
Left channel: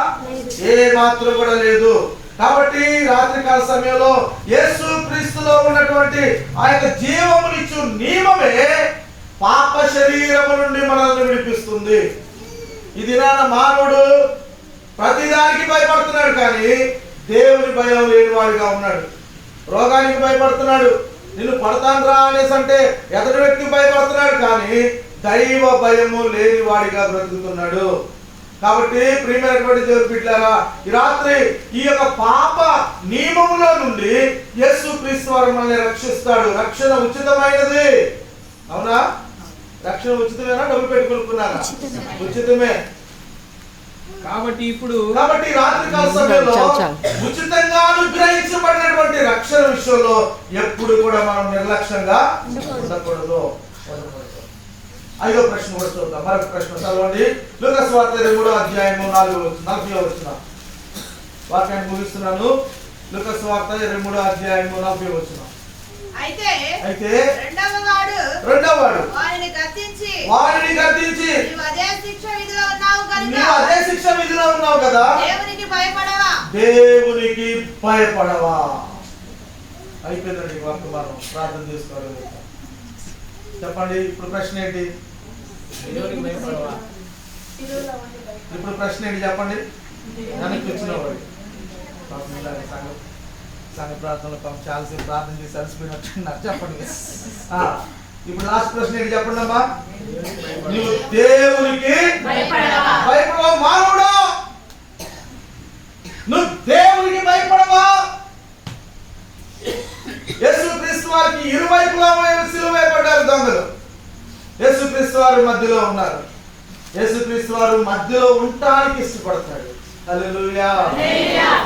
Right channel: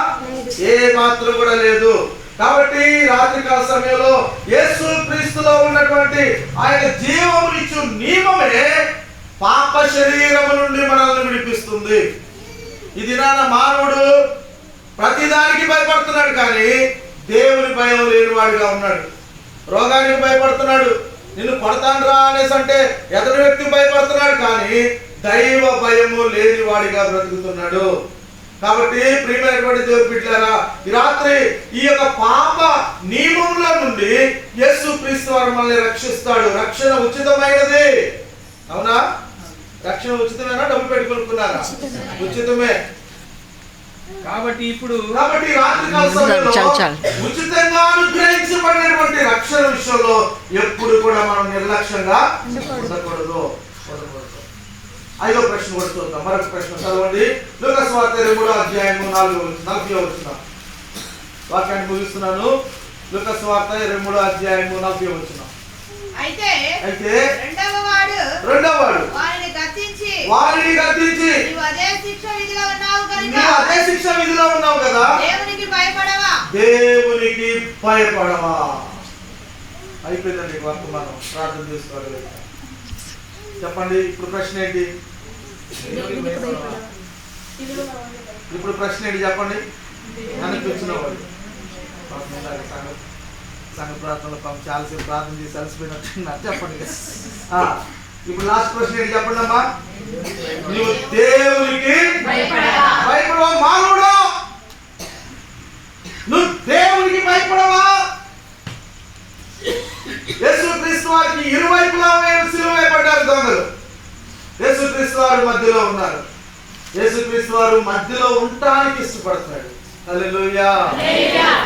ఏ మాత్రం కూడా లేదు. కాబట్టి రాత్రికాల సమయంలో యేసు క్రీస్తులో ఉన్నటువంటి ఆ యొక్క జీవమునిచ్చు నియమమే పాప శరీరము నుండి మనల్ని విడిపిస్తుంది. ఈ దినాన మానవుడు ప్రతిదానికి భయపడుతున్నాడు, కానీ దేవుని భయం లేనివాడిగా ఉన్నాడు. రోగానికి భయపడుతున్నాడు, నిన్ను కొడతాను రా అనేసి అంటే ఎదుటి వ్యక్తికి భయపడుతున్నాడు, కానీ దైవ భయము లేనివాడిగా బ్రతుకుతున్నాడు. కాబట్టి ప్రియమైనటువంటి దేవుని బిడ్డలారా, ఈ రాత్రి ఈ యొక్క పాప నియమములో నుండి యేసుక్రీస్తు వారు మనల్ని రక్షిస్తాడు. రక్షణ ఉచితమైనది, అవునా? రక్షణ ఉచితమేనా? డబ్బులు పెట్టి కొనుక్కున్నారా? ఉచితమే. కాబట్టి రాత్రికాల సమయంలో ఉచితంగా అనుగ్రహించబడినటువంటి రక్షణ విషయంలో ఎప్పుడు కూడా మనం నిర్లక్ష్యంగా ఉండకూడదు. 5వ ప్రశ్న కూడా చూద్దాం. మరొక ప్రశ్న చదవండి. లూకా సువార్త 23వ అధ్యాయము 40వ వచనం. వాక్యాన్ని ముగిస్తున్నాను. లూకా సువార్త 23వ అధ్యాయము 40వ వచనం. అయితే రెండవ వాడు వారిని గద్దించి నీవు అదే శిక్ష విధిలో ఉన్నావు కదా, దేవునికి భయపడవా. అయిపోయిందండి వర్తమానం. ప్రార్థన చేసుకోవాలి. చెప్పండి, ఇప్పుడు ప్రశ్న ఏంటి? చెప్పండి. వెనక్కి వచ్చిన వాడు సంఘ ప్రార్థనలో చాలాసేపు ప్రార్థన చేసి అలసిపోయినట్టున్నారు. చెప్పండి. ఇప్పుడు లాస్ట్ ప్రశ్న ఏంటి చెప్పండి అమ్మా. నువ్వు దేవునికి భయపడవా? మానవుడా, నువ్వు దేవునికి భయపడవా? యేసుక్రీస్తు వారికి ఇరువైపులా సిలువ వేయబడ్డారు దొంగలు. యేసుక్రీస్తు వారు మధ్యలో ఉన్నారు. యేసుక్రీస్తు వారు మధ్యలో ఉండటానికి ఇష్టపడతాడు. హల్లెలూయా.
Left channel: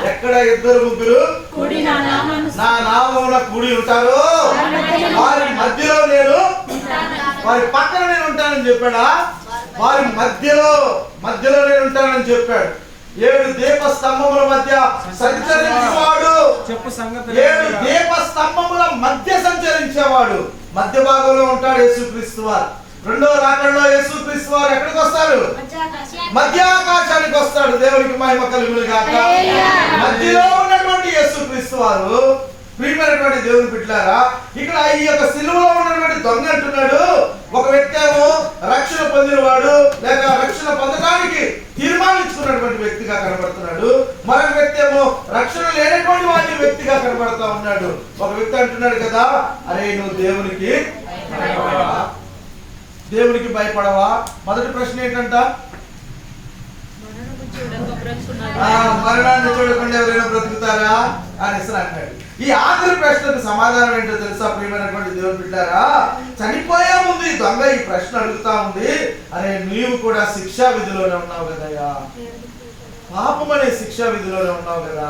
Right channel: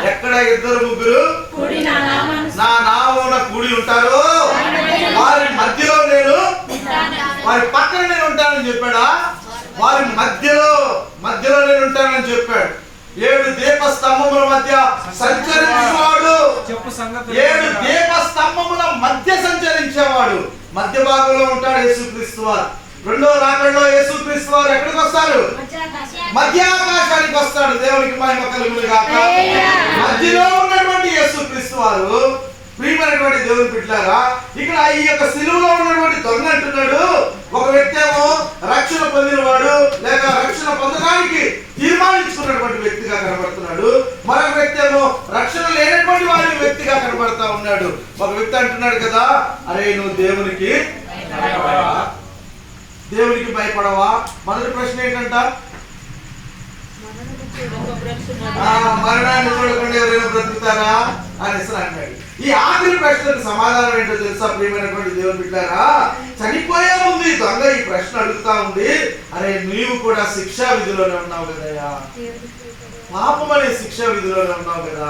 ఎక్కడ 2-3 నా నామమున కూడి ఉంటారో వారి మధ్యలో నేను, వారి పక్కన నేను ఉంటానని చెప్పాడా? వారి మధ్యలో నేను ఉంటానని చెప్పాడు. 7 దీపస్తంభముల మధ్య సంచరించేవాడు. 7 దీపస్తంభముల మధ్య సంచరించేవాడు. మధ్య భాగంలో ఉంటాడు యేసుక్రీస్తు వారు. రెండో రాకడలో యేసుక్రీస్తు వారు ఎక్కడికి వస్తారు? మధ్య ఆకాశానికి వస్తాడు. దేవునికి మహిమ కలుగును గాక. మధ్యలో ఉన్నటువంటి యేసుక్రీస్తు వారు, ప్రియమైనటువంటి దేవుని బిడ్డలారా, ఇక్కడ ఈ యొక్క సిలువలో ఉన్నటువంటి దొంగ అంటున్నాడు, ఒక వ్యక్తి ఏమో రక్షణ పొందినవాడు లేక రక్షణ పొందడానికి తీర్మానించుకున్నటువంటి వ్యక్తిగా కనబడుతున్నాడు. మరొక వ్యక్తి ఏమో రక్షణ లేనటువంటి వాడి వ్యక్తిగా కనబడతా ఉన్నాడు. ఒక వ్యక్తి అంటున్నాడు కదా, అరే నువ్వు దేవునికి భయపడవా? మొదటి ప్రశ్న ఏంటంట? మరణాన్ని చూడకుండా ఎవరైనా బ్రతుకుతారా అనేసి అంటాడు. ఈ ఆఖరి ప్రశ్నకు సమాధానం ఏంటో తెలుసా ప్రియమైనటువంటి దేవుని బిడ్డారా? చనిపోయే ముందు ఈ దొంగ ఈ ప్రశ్న అడుగుతా ఉంది, అరే నీవు కూడా శిక్షా విధిలోనే ఉన్నావు కదయ్యా, పాపం అనే శిక్షా విధిలోనే ఉన్నావు కదా,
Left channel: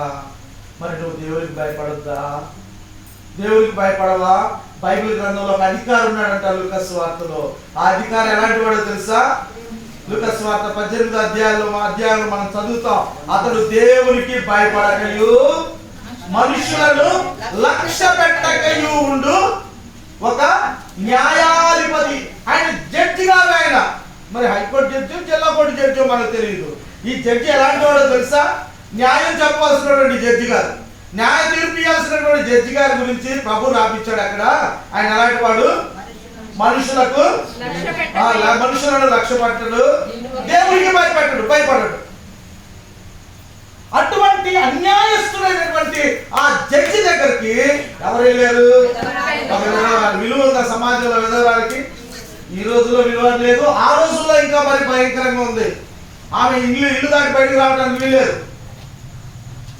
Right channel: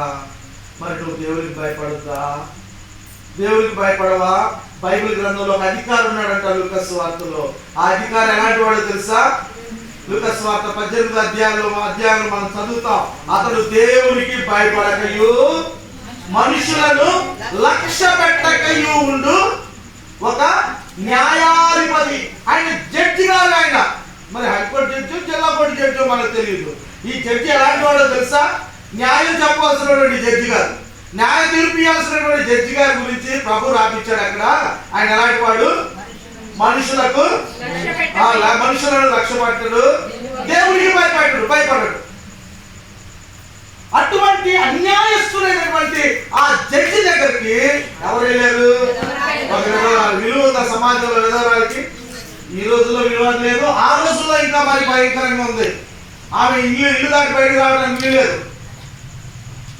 మరి నువ్వు దేవునికి భయపడొద్దా? దేవునికి భయపడవా? బైబిల్ గ్రంథంలో ఒక అధికారి ఉన్నాడంట లూకా సువార్తలో. ఆ అధికారి ఎలాంటి వాడో తెలుసా? లూకా సువార్త 18వ అధ్యాయంలో మనం చదువుతాం. అతడు దేవునికి భయపడకయు మనుషులను లక్ష్య పెట్టకయు ఉండు ఒక న్యాయాధిపతి. ఆయన జడ్జి కాదు. ఆయన మరి హైకోర్టు జడ్జి, జిల్లా కోర్టు జడ్జి మనకు తెలియదు. ఈ జడ్జి ఎలాంటి వాడో తెలుసా? న్యాయం చెప్పవలసినటువంటి జడ్జి కాదు, న్యాయ తీర్పు ఇవ్వాల్సినటువంటి జడ్జి గారి గురించి ప్రభు రాపించాడు అక్కడ. ఆయన ఎలాంటి వాడు? మనుషులను లక్ష్య పెట్టడు, దేవునికి భయపడడు. అటువంటి అన్యాయస్తులైనటువంటి ఆ జడ్జి దగ్గరికి ఎవరు వెళ్ళారు? విలువ ఉందా సమాజంలో విధవరాలకి? ఈ రోజుల్లో విలువ లేదు, ఆ రోజుల్లో ఇంకా మరి భయంకరంగా ఉంది. ఆమె ఇల్లు దాటి బయటకు రావడానికి వీల్లేదు.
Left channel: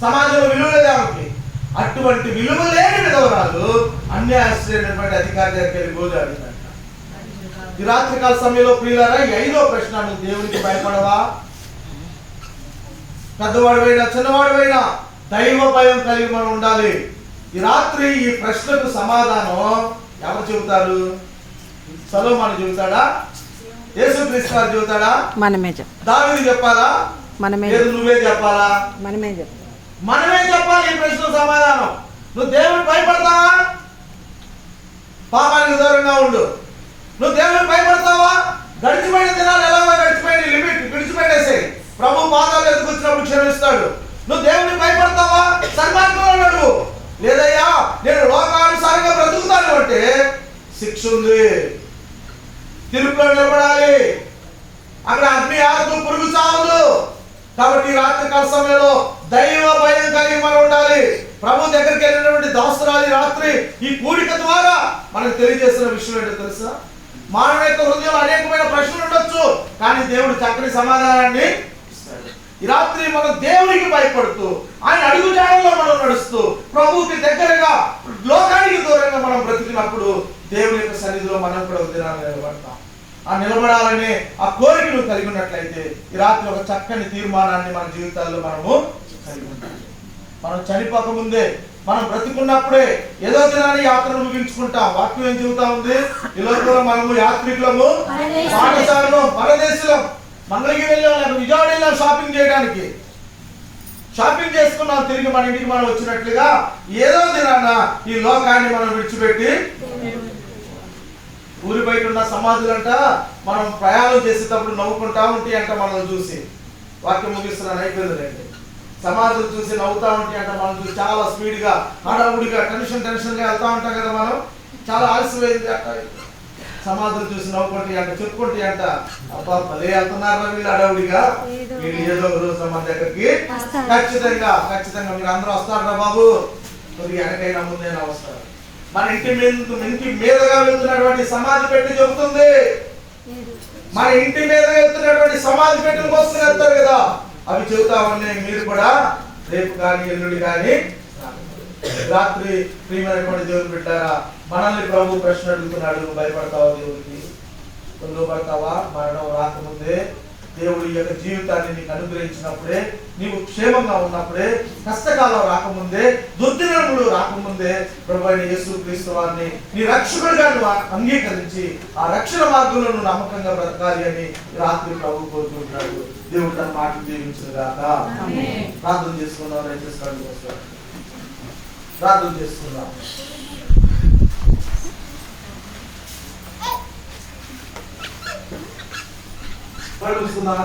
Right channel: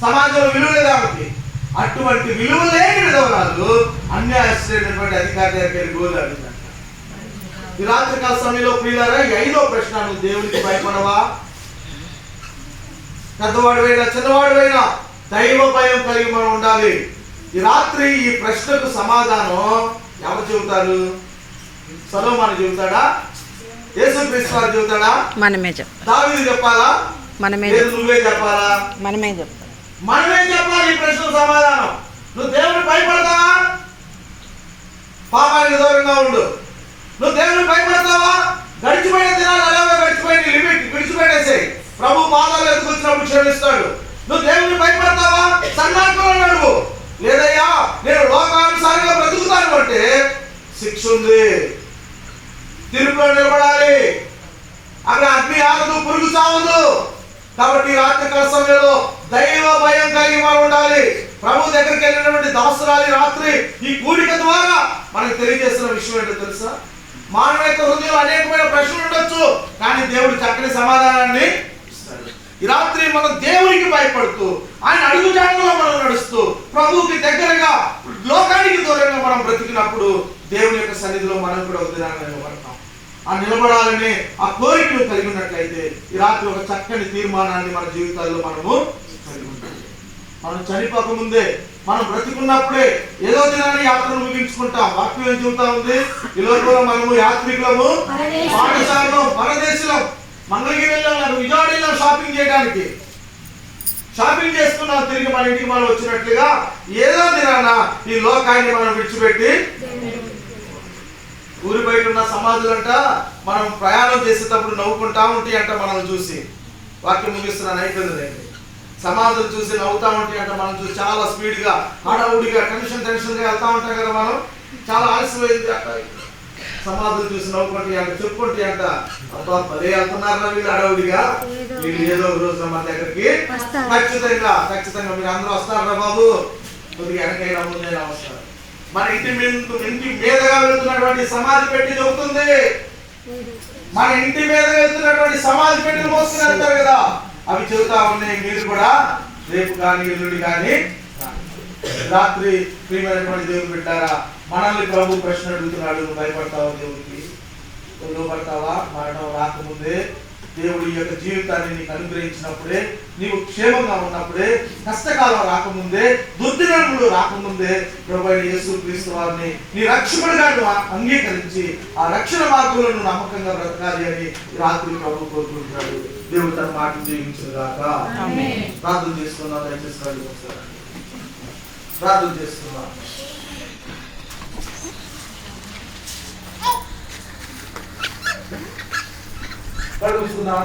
సమాజంలో విలువ లేదు ఆమెకి. అటువంటి విలువ లేని విధవరాలు అన్యాయస్తులైనటువంటి అధికారి దగ్గరికి వెళ్ళి గోజాడిందంట. ఈ రాత్రికాల సమయంలో ప్రియులారా, 5వ ప్రశ్న, నువ్వు దేవునికి భయపడవా? పెద్దవాడువైనా చిన్నవాడువైనా దైవ భయం కలిగి మనం ఉండాలి. ఈ రాత్రి ఈ ప్రశ్నకు సమాధానం ఎవరు చెబుతారు? సొలొమోను చెబుతాడా? యేసుక్రీస్తు వారు చెబుతాడా? మనమే చెప్పాలి. దావీదు చెప్పాలా? నువ్వే చెప్పాలా? మనమే చెప్పాలి. ఈ ప్రశ్నకు సమాధానం. నువ్వు దేవునికి భయపడతావా? పాపానికి దూరంగా ఉండు. నువ్వు దేవునికి భయపడతావా? గడిచిపోయిన దినాలు ఎలాగో గడిచిపోయిన లిమిట్ విడిచిపెట్టేసాయి. ప్రభు పాదాలు ఎత్తుకొచ్చినప్పుడు క్షమిస్తాడు. నువ్వు దేవునికి భయపడతావా? సన్మార్గంలో నడువు. లేదయ్యా నేను లోకానుసారంగా బ్రతుకుతాను అంటే శిక్ష ఉంది, తీర్పులో నిలబడాలి. అక్కడ అగ్ని ఆరదు, పురుగు చావదు. కాబట్టి రాత్రికాల సమయంలో దైవ భయం కలిగి మనం ఉండాలి. ప్రభు దగ్గరికి వెళ్ళినటువంటి దాసురాలి రాత్రి ఈ కూడిక ద్వారా మనకు తెలియజేసిన విషయం ఏంటో తెలుసా? మానవ యొక్క హృదయంలో అనేకమైన ప్రశ్నలు ఉండొచ్చు, కానీ దేవుడు చక్కని సమాధానాన్ని ఇస్తాడు. ఈ రాత్రి మనం దేవునికి భయపడుతూ ఆయన అడుగుజాడలో మనం నడుస్తూ ప్రభువుకి దగ్గరగా లోకానికి దూరంగా మనం బ్రతికినప్పుడు దేవుని యొక్క సన్నిధిలో మనం కూడా ఒక దినాన్ని నిలబడతాం. ఆ నిలబడాలనే ఆ కోరికను కలిగి ఉన్నట్లయితే ఈ రాత్రి ఒక చక్కని తీర్మానాన్ని మన జీవితాల్లో మనము కలిగి ఉంటాం. మనం చనిపోక ముందే మనం బ్రతికున్నప్పుడే ఏదో దినాన్ని యాత్రను ముగించుకుంటాం. వాక్యం ఏం చెబుతా ఉంది? ఈ లోకంలో మనము యాత్రికులము, పాఠశాలలో పరదేశులం. మంగళగిరి వెళ్ళాం, విజయవాడ వెళ్ళాం షాపింగ్ చేయడానికి. షాపింగ్ చేసుకున్నాం, తిరిగి మన ఇంటికి మనం వచ్చినట్లుగా ఏదో దినాన ఈ లోకాన్ని మనం విడిచిపెట్టి ఊరి బయట ఉన్న సమాధులంట మనం ప్రయాణం చేసేటప్పుడు నవ్వుకుంటా ఉంటాయి అంట. మనం చూసి వాక్యం ముగిస్తున్నాను, అయిపోయింది. సమాధులు చూసి నవ్వుతా ఉంటాయి అంట. మనం చూసి చాలా స్పీడ్ గా హడావుడిగా టెన్షన్ గా వెళ్తా ఉంటాం కదా. మనం చాలా ఆలస్యమైంది అంట. సమాధులు చూసి నవ్వుకుంటాయి అంట, చెప్పుకుంటాయి అంట. అబ్బా భలే వెళ్తున్నారా వీళ్ళు హడావుడిగా, వీళ్ళు ఏదో ఒక రోజు మన దగ్గరికి ఖచ్చితంగా మీరు అందరూ వస్తారా బాబు, కొద్దిగా వెనకైనా ముందైనా వస్తారు. మన ఇంటి మీదగా వెళ్తున్నటువంటి సమాధి పెట్టి చెబుతుంది. మన ఇంటి మీద వెళ్తున్నటువంటి సమాధి పెట్టిని మోసుకుని వెళ్తారు కదా, అవి చెబుతా ఉన్నాయి. మీరు కూడా రేపు కానీ ఎల్లుండి కానీ రాత్రి ప్రియమైనటువంటి దేవుని బిడ్డారా, మనల్ని ప్రభు ప్రశ్న అడుగుతున్నాడు. నువ్వు భయపడతావా దేవుడికి? లోపడతావా? మరణం రాకముందే దేవుడు ఈ యొక్క జీవితాన్ని నీకు అనుగ్రహించినప్పుడే, నీవు క్షేమంగా ఉన్నప్పుడే, కష్టకాలం రాకముందే, దుర్దినములు రాకముందే ప్రభువైన యేసుక్రీస్తు వారిని నీ రక్షకుడిగా నువ్వు అంగీకరించి ఆ రక్షణ మార్గంలో నువ్వు నమ్మకంగా బ్రతకాలి అని రాత్రి ప్రభు కోరుకుంటున్నాడు. దేవుడు తన మాటలు జీవించుగాక. ప్రార్థన చేసుకుందాం. దయచేసి కళ్ళు మూసుకోండి. ప్రార్థన చేసుకుందాం. కళ్ళు మూసుకుందాం.